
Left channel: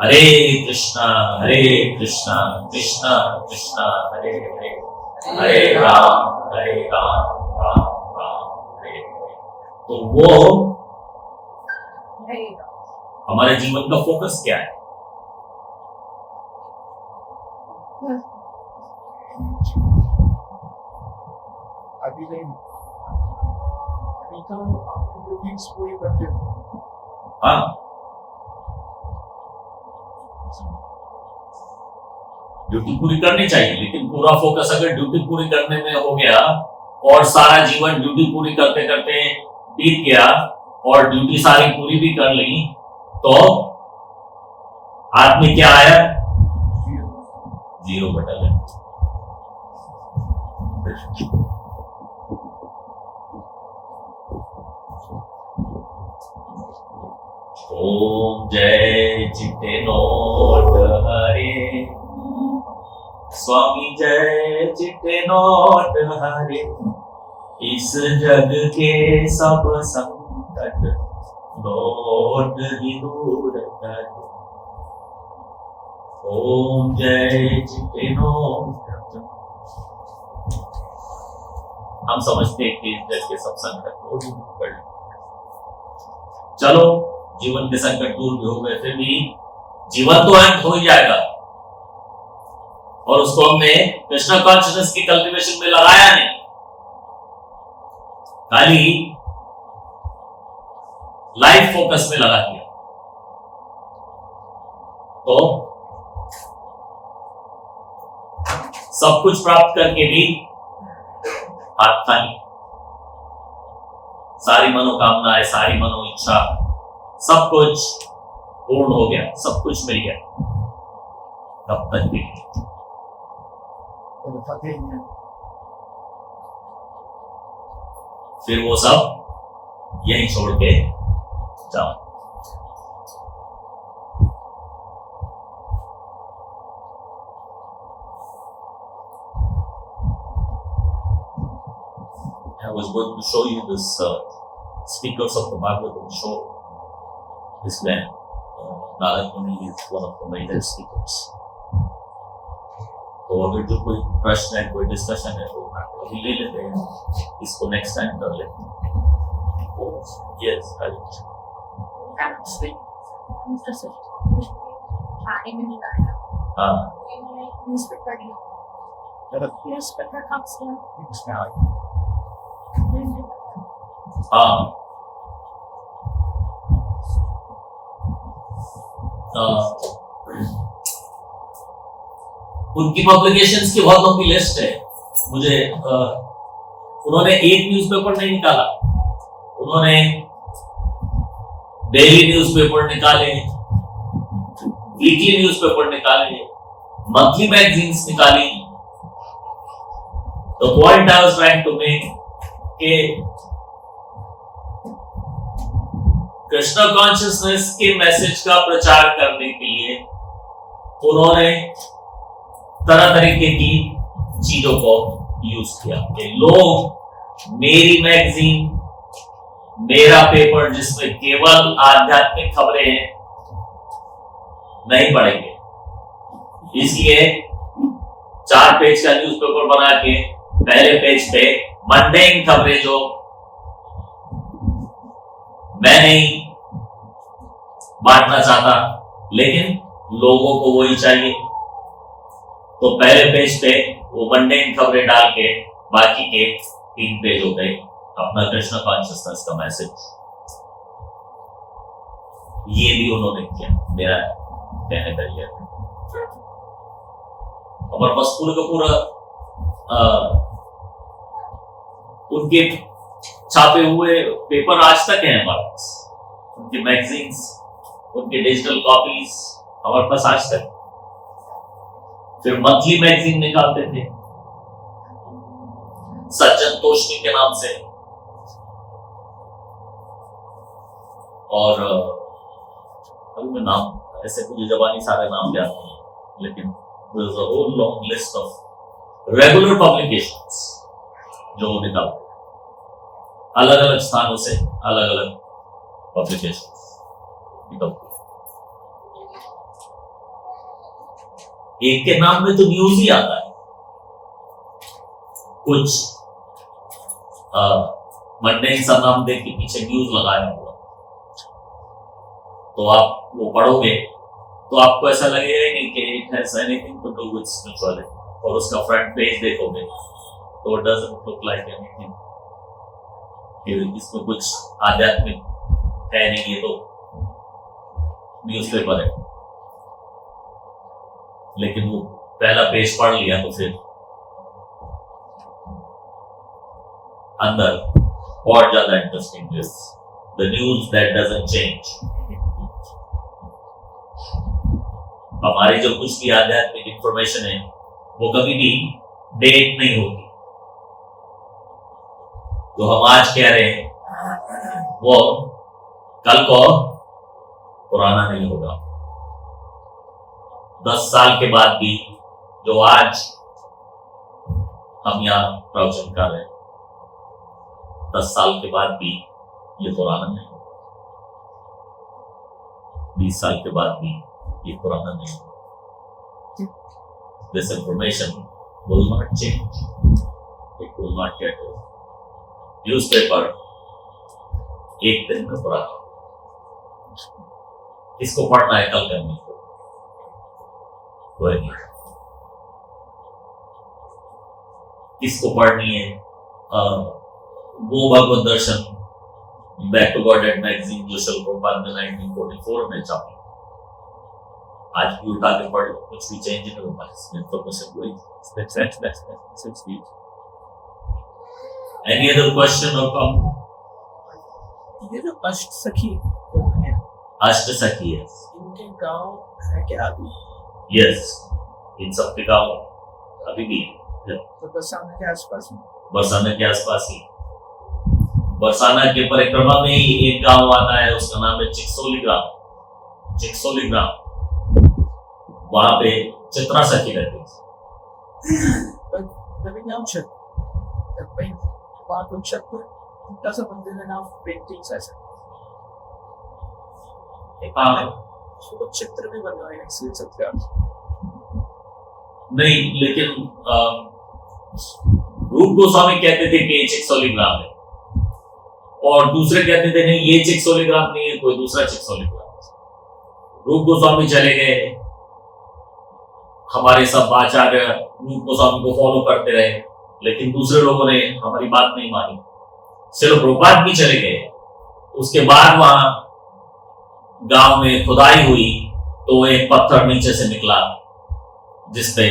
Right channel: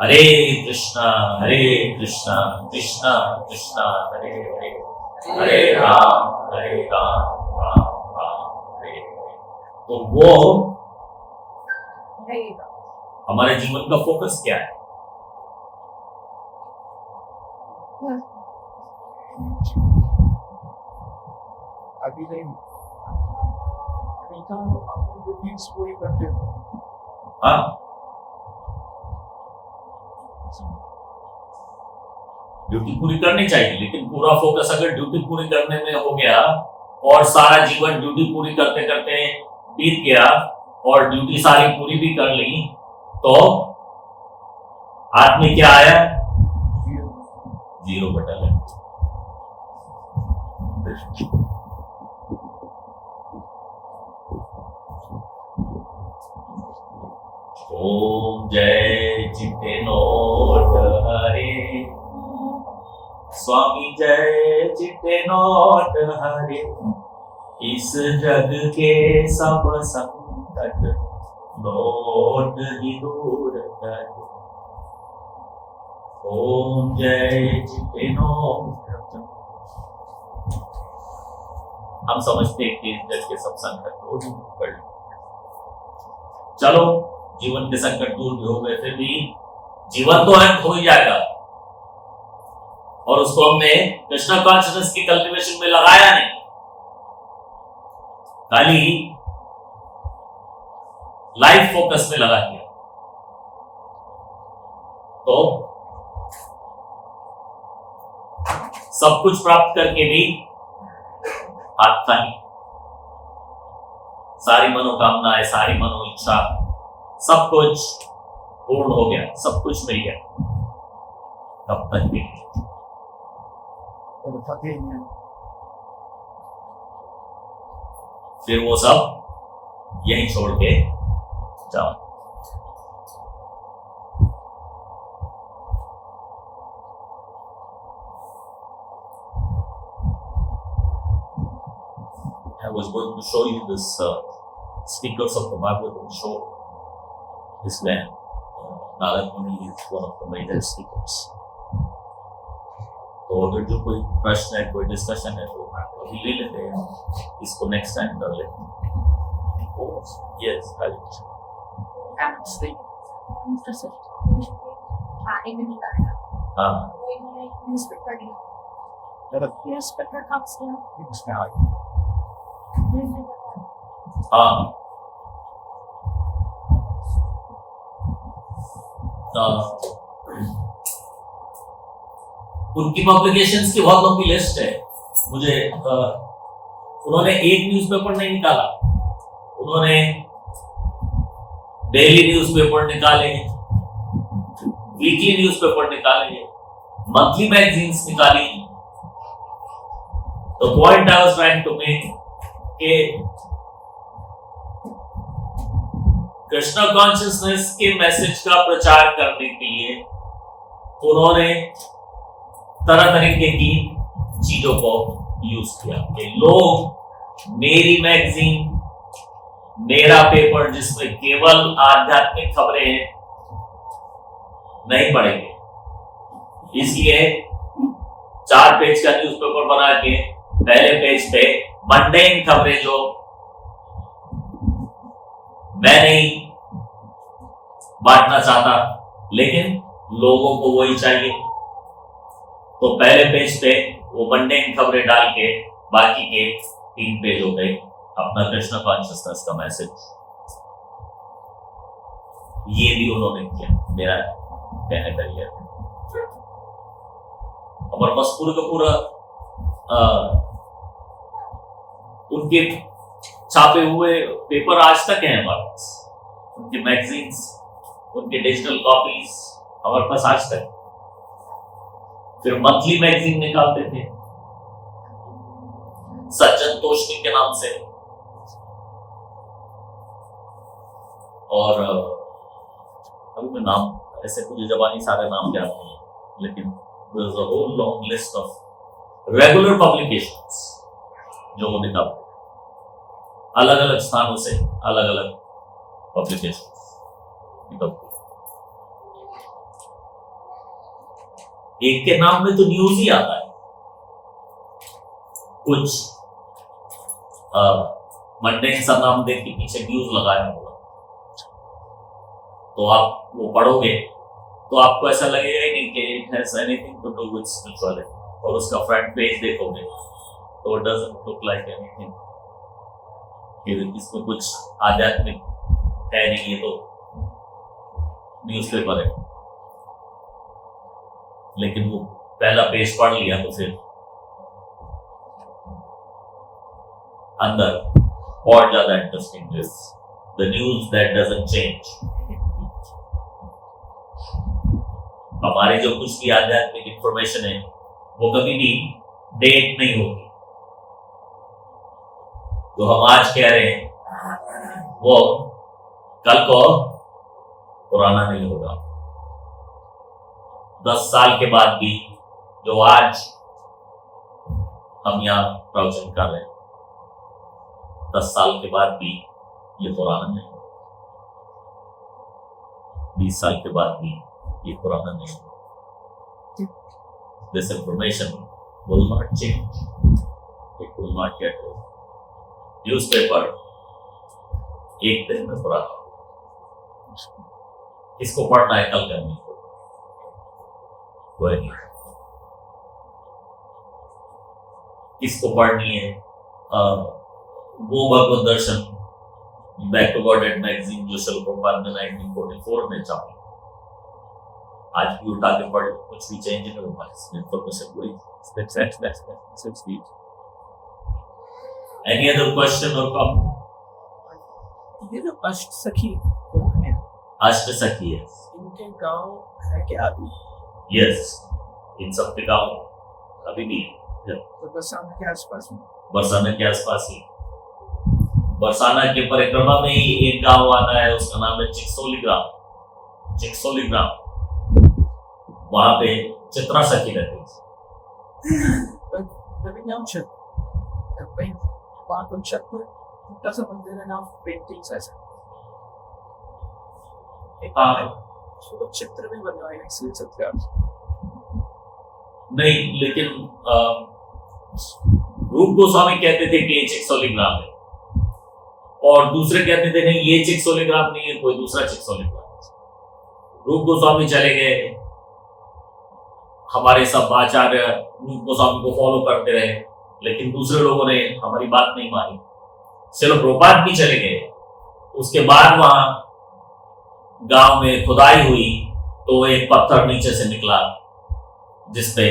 हरे कृष्णा कृष्णा कृष्णा हरे हरे, हरे राम राम राम हरे हरे। तो वो हमारे जीवन का फोकस क्या है? अभी नहीं पूरी करते हो। हाँ, ड्यूटी पूरी करनी चाहिए, लेकिन पूरा फोकस अगर ड्यूटी पूरी करने में हो गया और सारा जीवन ड्यूटी पूरी करते करते बीत गया और ड्यूटी सारी पूरी भी कर ली तो हाथ में क्या आया? जीरो बटन है। ओम जय चिट्टे नोट हरे, स्वामी जय चिट्टे नोट हरे, इस जग के सब संकट नोट ही दूर करे। ओम जय चिट्टे नोट। हम समझते हैं कि इस जग के सब संकट दूर ही कर। चलो, जीवन के संकट दूर भी हो गए, फिर भी जीवन तो अंत हो ही जाएगा, और उसको हमने कृष्णा कॉन्शियसनेस की कल्टीवेशन में लगाया नहीं, खाली लाइफ फोकस में लगा दिया। तो सब कुछ प्राप्त करके भी हाथ खाली, सारी मनोकामनाएं, सारी मनो इच्छा, सब कुछ पूर्ण हो गया, सब कुछ मिल गया, तब तक भी फिर वो सब यहीं छोड़ के जाओ। I was going to show you this stickers of the Bhagavatam show. This man, Narad Muni, is one of the major stickers. तो अगर जो कोई प्रश्न है, कोई डिस्कशन है तो अभी ले लेते हैं, इसको नेक्स्ट टाइम कर लेते हैं। यस, हाँ, हाँ, उनकी पब्लिकेशंस की बहुत लंबी लिस्ट है। मुझे उन्होंने एक न्यूज़पेपर नहीं निकाला, उन्होंने डेली न्यूज़पेपर निकाले, वीकली न्यूज़पेपर निकाले, मंथली मैगजीन्स निकाली। The point I was trying to make के कृष्णा कॉन्शियसनेस के मैसेज का प्रचार करने के लिए उन्होंने तरह तरीके की चीजों को यूज किया कि लोग मेरी मैगजीन, मेरा पेपर जिसमें केवल आध्यात्मिक खबरें हैं नहीं पढ़ेंगे, इसलिए 4 पेज का न्यूज़पेपर बना के पहले पेज पे मंडेन खबरें जो मैं नहीं बांटना चाहता, लेकिन लोगों को वही चाहिए, तो पहले पेज पे वो मंडेन खबरें डाल के बाकी के 3 पेज हो गए अपना कृष्ण कॉन्शियसनेस का मैसेज। ये भी उन्होंने किया, मेरा कहने का ये है। और बस पूरे का पूरा उनके छापे हुए पेपर आज तक हैं हमारे पास, उनके मैगजीन्स, उनके डिजिटल कॉपीज हमारे पास आज तक। फिर मंथली मैगजीन निकालते थे सज्जन तोषनी के नाम से, और अभी मैं नाम ऐसे मुझे जबानी सारे नाम याद नहीं है, लेकिन there is a whole long list of regular publications जो वो निकालते, अलग अलग स्थानों से अलग अलग पब्लिकेशंस निकलते। एक के नाम में तो न्यूज ही आता है, कुछ मंडे सा नाम देख के पीछे न्यूज लगाया होगा, तो आप वो पढ़ोगे तो आपको ऐसा लगेगा ही नहीं कि it has anything to do with spirituality, और उसका फ्रंट पेज देखोगे तो it doesn't look like anything कि इसमें कुछ आध्यात्मिक है नहीं, ये तो न्यूज़पेपर है। लेकिन वो पहला पेज पढ़ लिया तो फिर अंदर और ज्यादा interesting is the news that doesn't change. हमारी जो कुछ भी आध्यात्मिक इंफॉर्मेशन है वो कभी भी डेट नहीं होती, जो हम आज कह रहे हैं वो कल को पुराना नहीं होगा। 10 साल के बाद भी जो आज हम यहाँ प्रवचन कर रहे हैं, 10 साल के बाद भी ये पुराना नहीं होगा, 20 साल के बाद भी ये पुराना नहीं होगा। This information will not change. It will not get old. Newspaper एक दिन में पुराना, इसको पढ़ना है कल करने को, वही इसको पढ़नी है। वो Bhagavat Darshan back to Godhead magazine जो शिल प्रभुपाद ने 1944 में छापी, आज भी उठा के पढ़, कुछ भी चेंज नहीं होगा, इंफॉर्मेशन वही। Any other question or comment? ये जो अष्ट सखी अष्ट सखी है, इनके गांव है क्या अभी? यस, इन सब के गाँव अभी भी तो बरसाना के आसपास में, बरसाना के आसपास ही, बरसाना के परिक्रमा में ही एक गांव आता है, उसका नाम है चिकसोली ग्राम। चिकसोली ग्राम, वहां पे चित्रा सखी रहती है। But living out shit, the paint part of shit, it doesn't contain enough paintings as तो चित्र भी बनवाए इसलिए सत्याग्रह नहीं, लेकिन रूप गोस्वामी कहते थे कि ये चिकसोली ग्राम है, और दूसरे कहते थे नहीं ये चिकसोली ग्राम नहीं है, कोई दूसरा चिकसोली ग्राम। रूप गोस्वामी चले गए, हमारे सब आचार्य रूप गोस्वामी को फॉलो करते रहे, लेकिन दूसरे लोगों ने हमारी बात नहीं मानी। चलो प्रभुपाद भी चले गए, उसके बाद वहां गांव में खुदाई हुई तो एक पत्थर नीचे से निकला जिसपे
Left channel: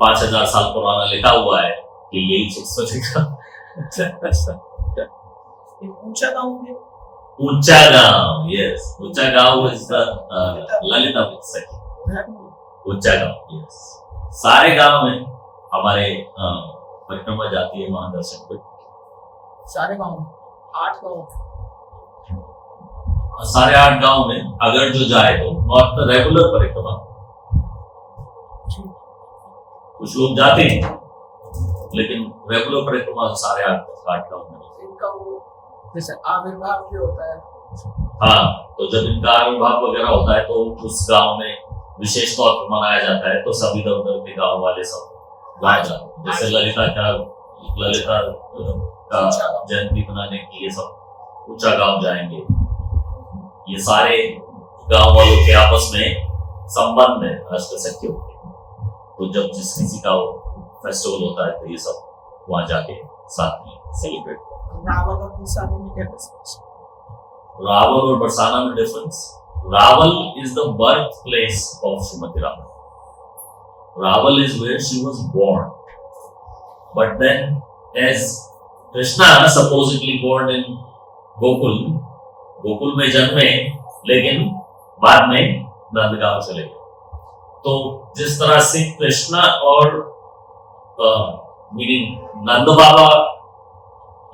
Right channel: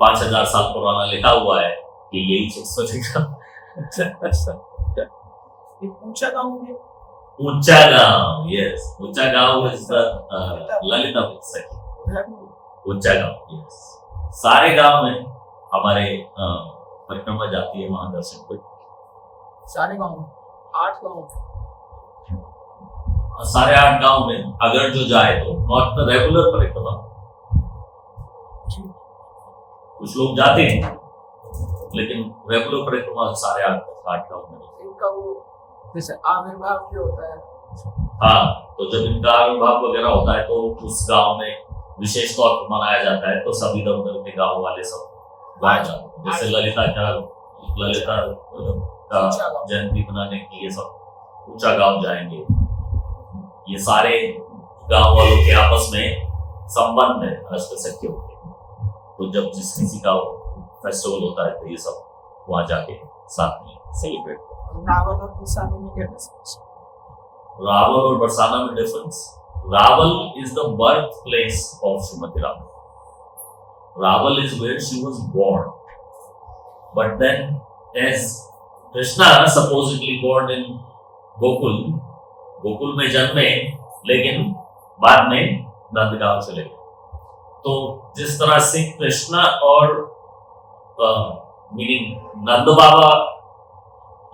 5000 साल पुराना लिखा हुआ है कि यही चिकसोली ग्राम। ऊंचा गांव में, ऊंचा गांव, यस, ऊंचा गांव इज द ललिता सखी, ऊंचा गांव, यस। सारे गांव में हमारे परिक्रमा जाती है वहां दर्शन को, सारे गांव 8 गांव, सारे 8 गांव में अगर जो जाए तो नॉट द रेगुलर परिक्रमा, कुछ लोग जाते हैं लेकिन रेगुलर परिक्रमा सारे 8 गांव में। इनका वो जैसे आविर्भाव भी होता है, हाँ, तो जब इनका आविर्भाव वगैरह होता है तो उस गांव में विशेष तौर पर मनाया जाता है, तो सभी इधर उधर के गांव वाले सब वहाँ जाते, जैसे ललिता का जयंती मनाने की ये सब ऊंचा गांव जाएंगे। ये सारे गांव वालों के आपस में संबंध है अष्ट सखियों के, तो जब जिस किसी का फेस्टिवल होता है तो ये सब वहां जाके साथ में सेलिब्रेट। रावल और बरसाना में क्या डिफरेंस? रावल और बरसाना में difference, Rawal is the birth place of Shrimati Rawal. Raval is where she was born. But then, as Krishna supposedly born in Gokul, Gokul में जन्मे लेकिन बाद में नंदगांव चले गए। तो जिस तरह से कृष्णा और मीनिंग नंद बाबा,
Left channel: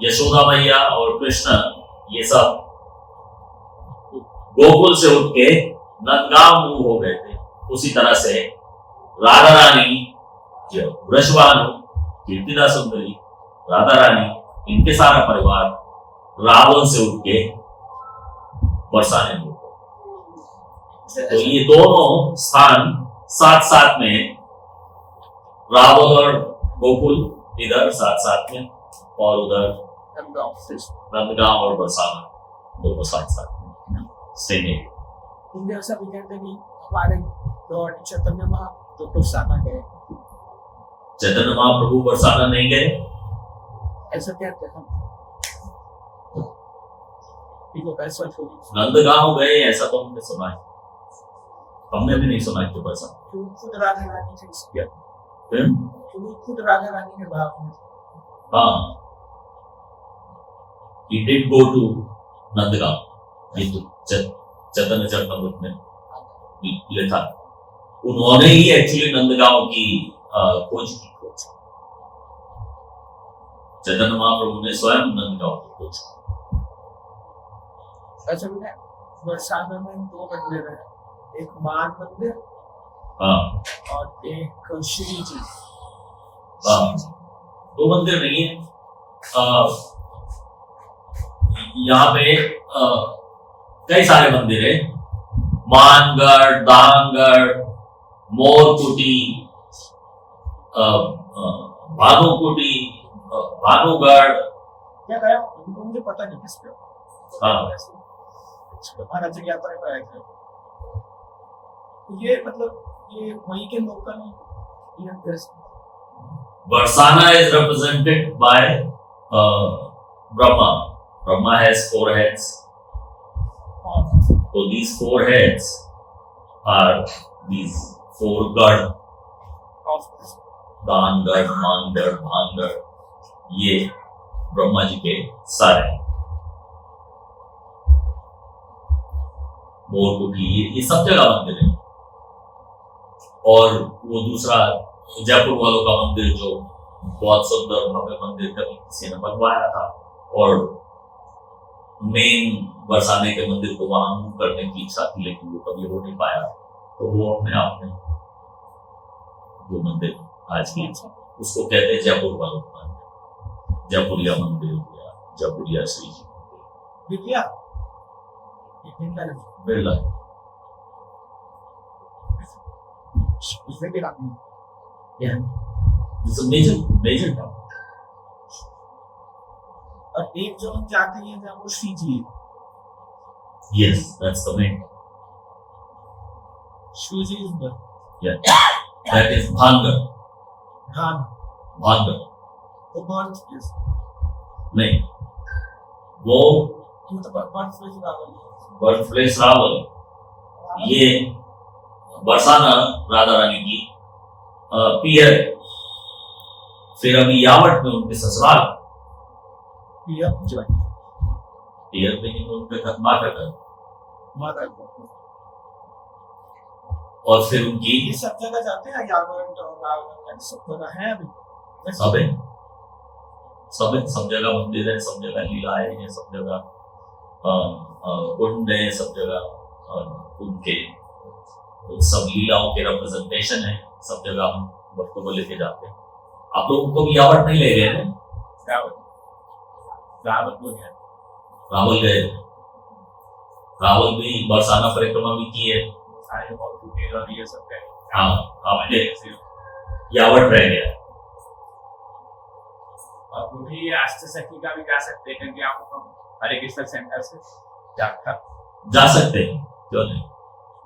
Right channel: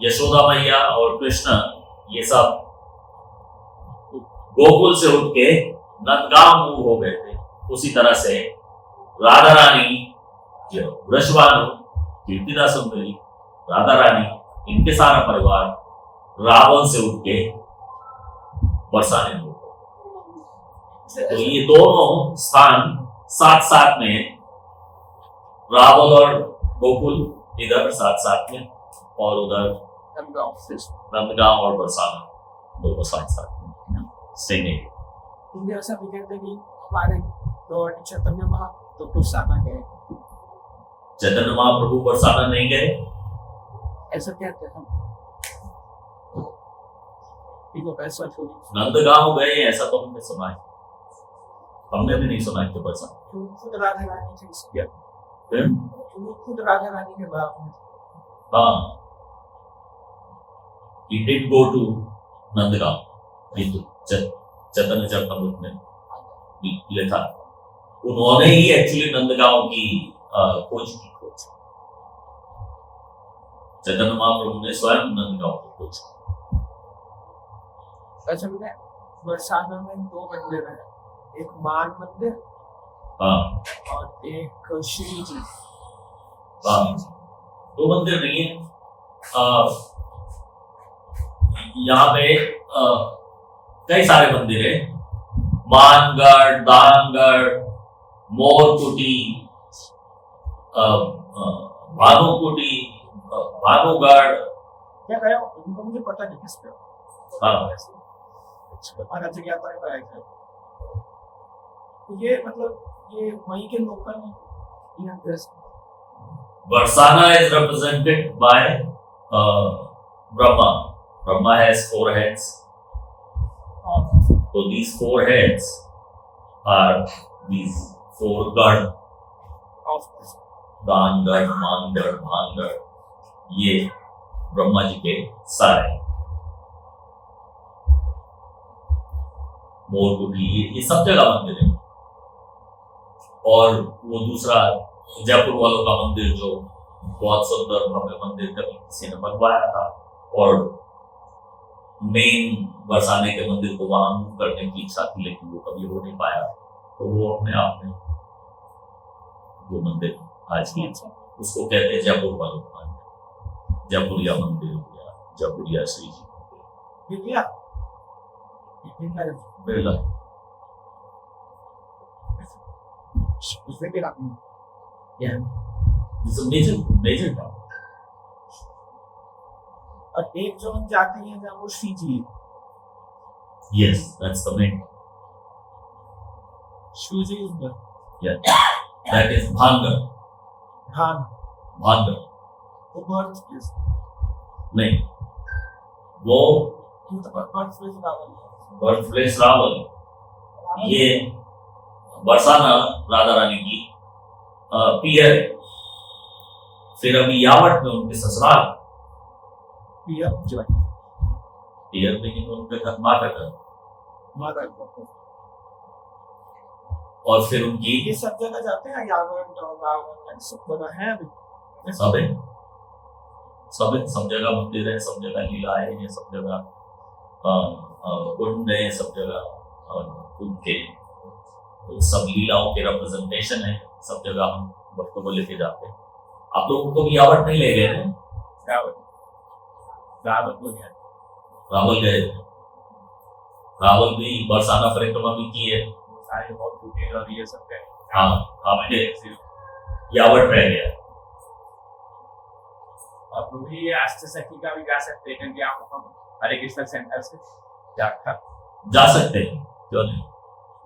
यशोदा मैया और कृष्णा ये सब गोकुल से उठ के नंदगांव मूव हो गए थे, उसी तरह से राधा रानी, वृषभानु, कीर्तिदा सुंदरी, राधा रानी, इनके सारा परिवार रावल से उठ के बरसाने में। तो ये दोनों स्थान साथ साथ में, रावल और गोकुल इधर साथ साथ में, और उधर नंदगांव और बरसाना दोनों साथ साथ में सेम एरिया। ऐसा भी कहते हैं हमारे लॉर्ड चैतन्य महाप्रभु बरसाना गए, चैतन्य महाप्रभु बरसाना नहीं गए, ऐसा कहते हैं। नंदगांव गए ऐसा तो हमने सुना है, हमने भी नहीं सुना है कि बरसाना। खुद राधा रानी से इसकिया, खुद राधा रानी के बाप में, हाँ, he did go to Nandgaon, चैतन्य चरितमृत में लिखा, उन्होंने ही एक्चुअली नंदगांव की खोज की। चैतन्य महाप्रभु ने स्वयं नंदगांव की खोज की। अच्छा, मैंने बरसाना में दो मंदिर है, एक मान मंदिर, हाँ, और एक श्री जी। हाँ, दो मंदिर नहीं है, यहाँ पे कई सारे मंदिर है, मानगढ़, दानगढ़, मोरकुटी, भानुकुटी, भानुगढ़, क्या कहे उनको मुझे पता नहीं किस पे। हाँ, ये मतलब ये वहीं के local. Barsana is represented by Brahma. Brahma has 4 heads. So these 4 heads are these 4 गढ़, दानगढ़, मानगढ़, भानगढ़, ये ब्रह्मा जी के सारे हैं। मोरकुटी, ये सब जगह मंदिर है। और वो दूसरा जयपुर वालों का मंदिर जो बहुत सुंदर भव्य मंदिर कभी किसी ने बनवाया था, और मेन बरसाने के मंदिर को वहां मूव करने की इच्छा थी, लेकिन वो कभी हो नहीं पाया, तो वो अपने आप में वो मंदिर आज की उसको कहते हैं जयपुर वालों का मंदिर, जयपुरिया मंदिर या जयपुरिया श्री जी Birla. It's a major town. और एक जो हम जाते हैं जहाँ वो श्री जी है। Yes, that's the main. Shri ji is the, Yeah, that is Bhangar. हाँ, Bhangar. वो birth place, नहीं, वो birth place birth place Rawal. Rawal. ये बरसाना राधा रानी की पियर है। फिर अभी यावट में उनके ससुराल, पियर में ही उनके माता का, और फिर उनकी ये सब जगह जाते हैं यावट सब है अभी सब जगह मंदिर है, सब जगह लीलाएं हैं, सब जगह कुंड है, सब जगह उनके सब लीलाओं के रिप्रेजेंटेशन है, सब जगह हम भक्तों को लेके जाते हैं। आप लोगों को भी यावट नहीं ले गए हैं? रावल गए, रावल भी बरसाना परिक्रमा भी की है। हाँ, आपके यावट रह गया, और वो भी राष्ट्र सखी का भी गा सकते हैं, क्योंकि आप हरे कृष्ण सेंटर से जाकर जा सकते हैं, क्यों नहीं।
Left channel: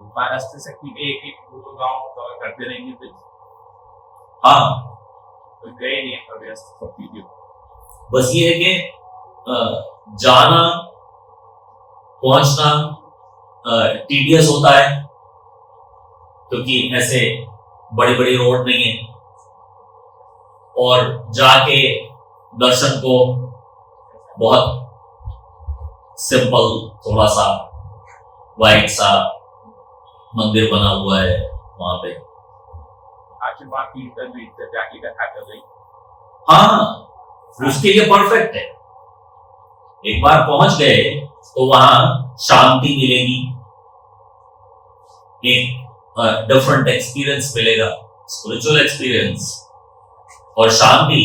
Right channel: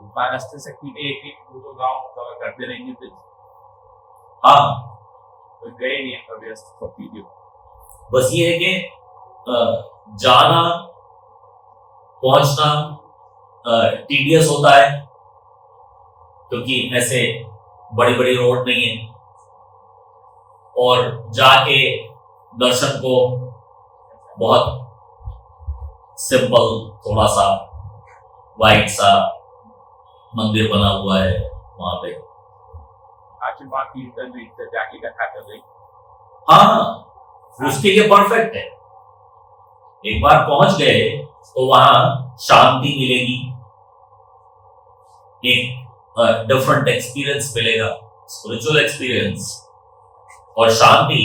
महाराष्ट्र सखी के एक एक गाँव कवर करते रहेंगे तो हाँ, गए नहीं अभी वीडियो। बस ये है कि जाना पहुंचना टीडियस होता है, क्योंकि ऐसे बड़ी बड़ी रोड नहीं है, और जाके दर्शन को बहुत सिंपल, थोड़ा सा वाइट सा मंदिर बना हुआ है वहां पे। आशीर्वाद कीर्तन भी जाके कथा कर रही। हाँ, उसके लिए परफेक्ट है। एक बार पहुंच गए तो वहां शांति मिलेगी, एक डिफरेंट एक्सपीरियंस मिलेगा, स्पिरिचुअल एक्सपीरियंस। और शांति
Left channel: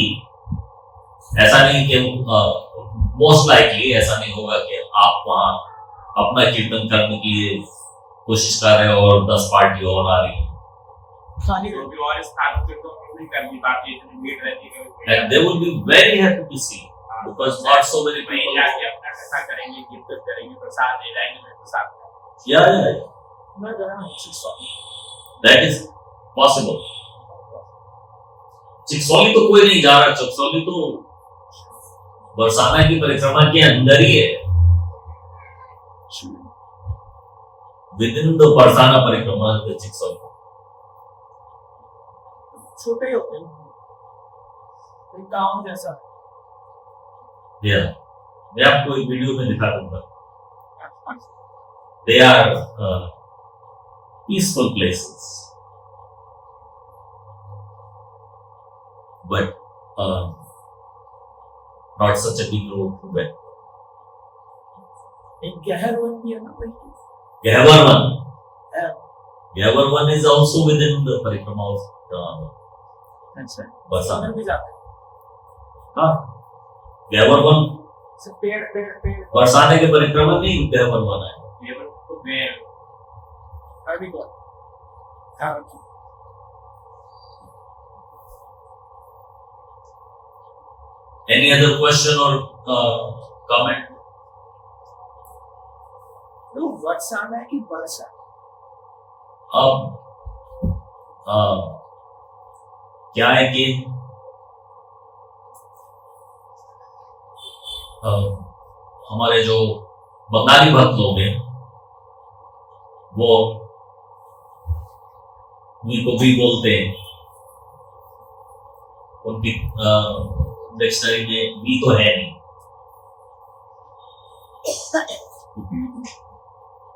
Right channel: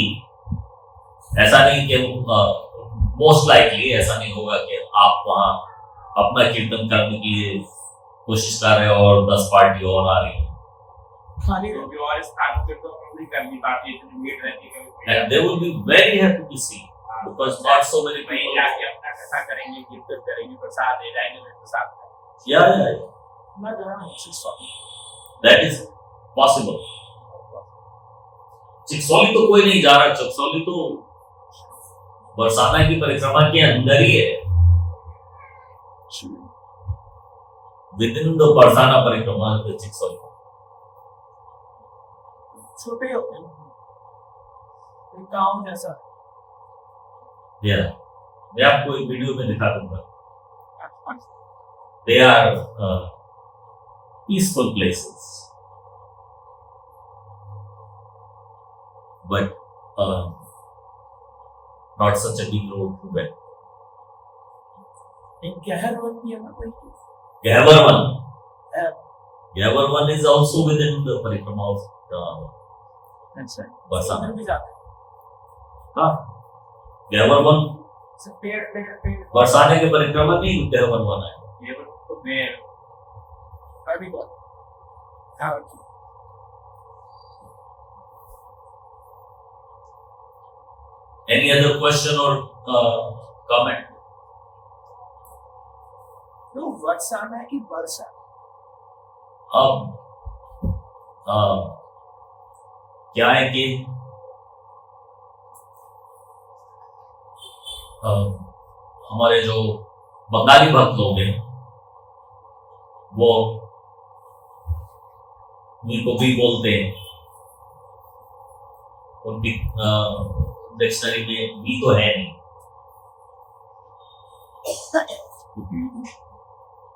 ऐसा नहीं कि मोस्ट लाइकली ऐसा नहीं होगा कि आप वहां अपना कीर्तन करने की कोशिश कर रहे हो और 10 पार्टी और आ रही है। खाली भी और स्थान पे तो पूरी करनी बाकी इतनी भीड़ रहती है, And they will be very happy to see, because not so many वहीं people. जाके अपना कथा करेंगे, कीर्तन करेंगे, प्रसाद ले जाएंगे, मैं प्रसाद Yeah, मैं जो है ना that is possible. चिक्सौली तो कोई नहीं जा रहा, चिक्सौली तो बरसाना की परिक्रमा के अंदर ही है, विद इन द बरसाना परिक्रमा के चिक्सौली। छोटे होते हैं, एक गाँव जैसा। Yeah, मैं आपको एक वीडियो में दिखा दूंगा। They are peaceful places, but not such a big road to win. एक गहर होती है ना कोई। Ghavarvan. Yeah. Ghavarvan is also within the parikrama of अच्छा, बरसाना। भी जाते हाँ, Ghavarvan हैं। पेड़ पेड़ पेड़ बरसाने के परिक्रमा नहीं, Ghavarvan है। ये तो मैं अभी बहुत हाँ Any other question or comment? तो बरसाना की वर्षा अब क्या है कि हमारे जो बंगाली भक्त लोग हैं वो को भी बोलते हैं, उनकी डिक्शनरी में भी तो है नहीं,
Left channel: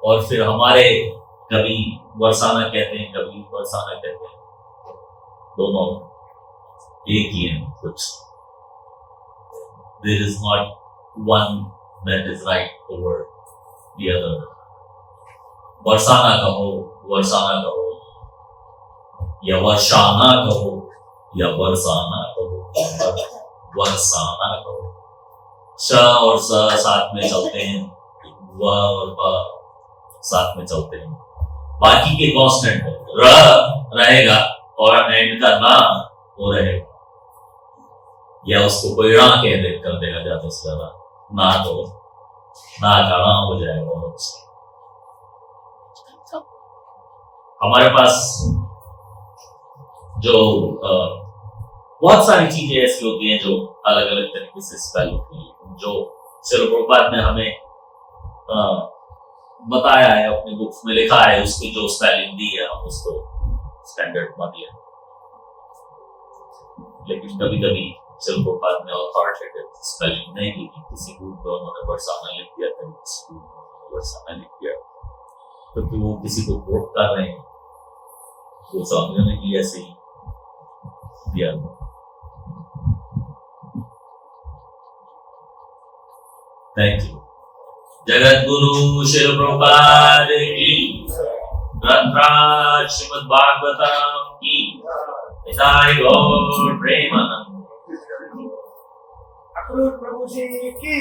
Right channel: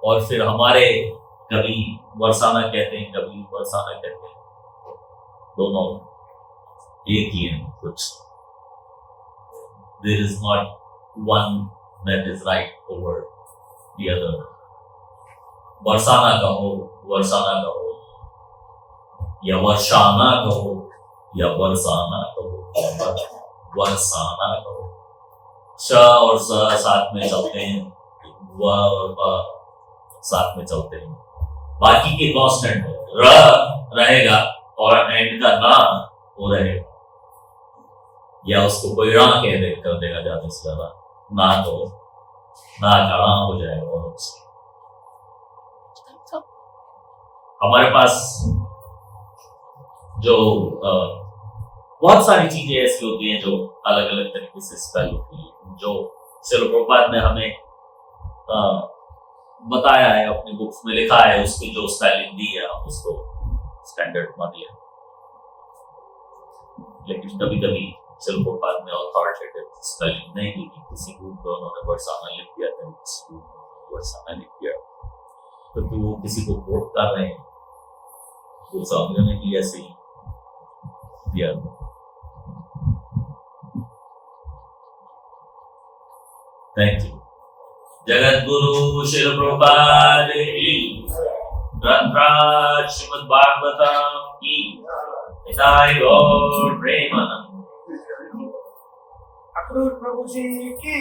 और फिर हमारे कभी बरसाना कहते हैं, कभी बरसाना कहते हैं, दोनों एक ही हैं कुछ। There is not one that is right over the other. Barsana कहो, वर्षाना कहो, या वर्षाना कहो, या बरसाना कहो, वर्षाना कहो। श और स साथ में चलते हैं, व और ब साथ में चलते हैं, बाकी के कांस्टेंट हो। र रहेगा और एंड का ना वो रहेगा, या उसको कोई रा कह दे कर देगा ज्यादा से ज्यादा, ना तो ना का रा हो जाएगा। हमारे पास जो बहुत सारी चीजें ऐसी होती हैं जो अलग अलग तरीके से स्पेल होती हैं, जो श्रील प्रभुपाद ने हमें बताया है, अपनी बुक्स में लिखा है, उसकी जो स्पेलिंग दी है हम उसको स्टैंडर्ड मान लिया। लेकिन कभी कभी श्रील प्रभुपाद ने अथॉरिटेटिव स्पेलिंग नहीं दी, किसी बुक में उन्होंने बरसाना लिख दिया, किसी बुक में बरसाना लिख दिया, क्योंकि वो किसी को कोट कर रहे हैं, वो समझने की ऐसे ही दिया। Thank you. जगत गुरु श्रील प्रभुपाद की, ग्रंथराज श्रीमद् भागवतम की, निताय गौर प्रेमानंद। प्रभु जी की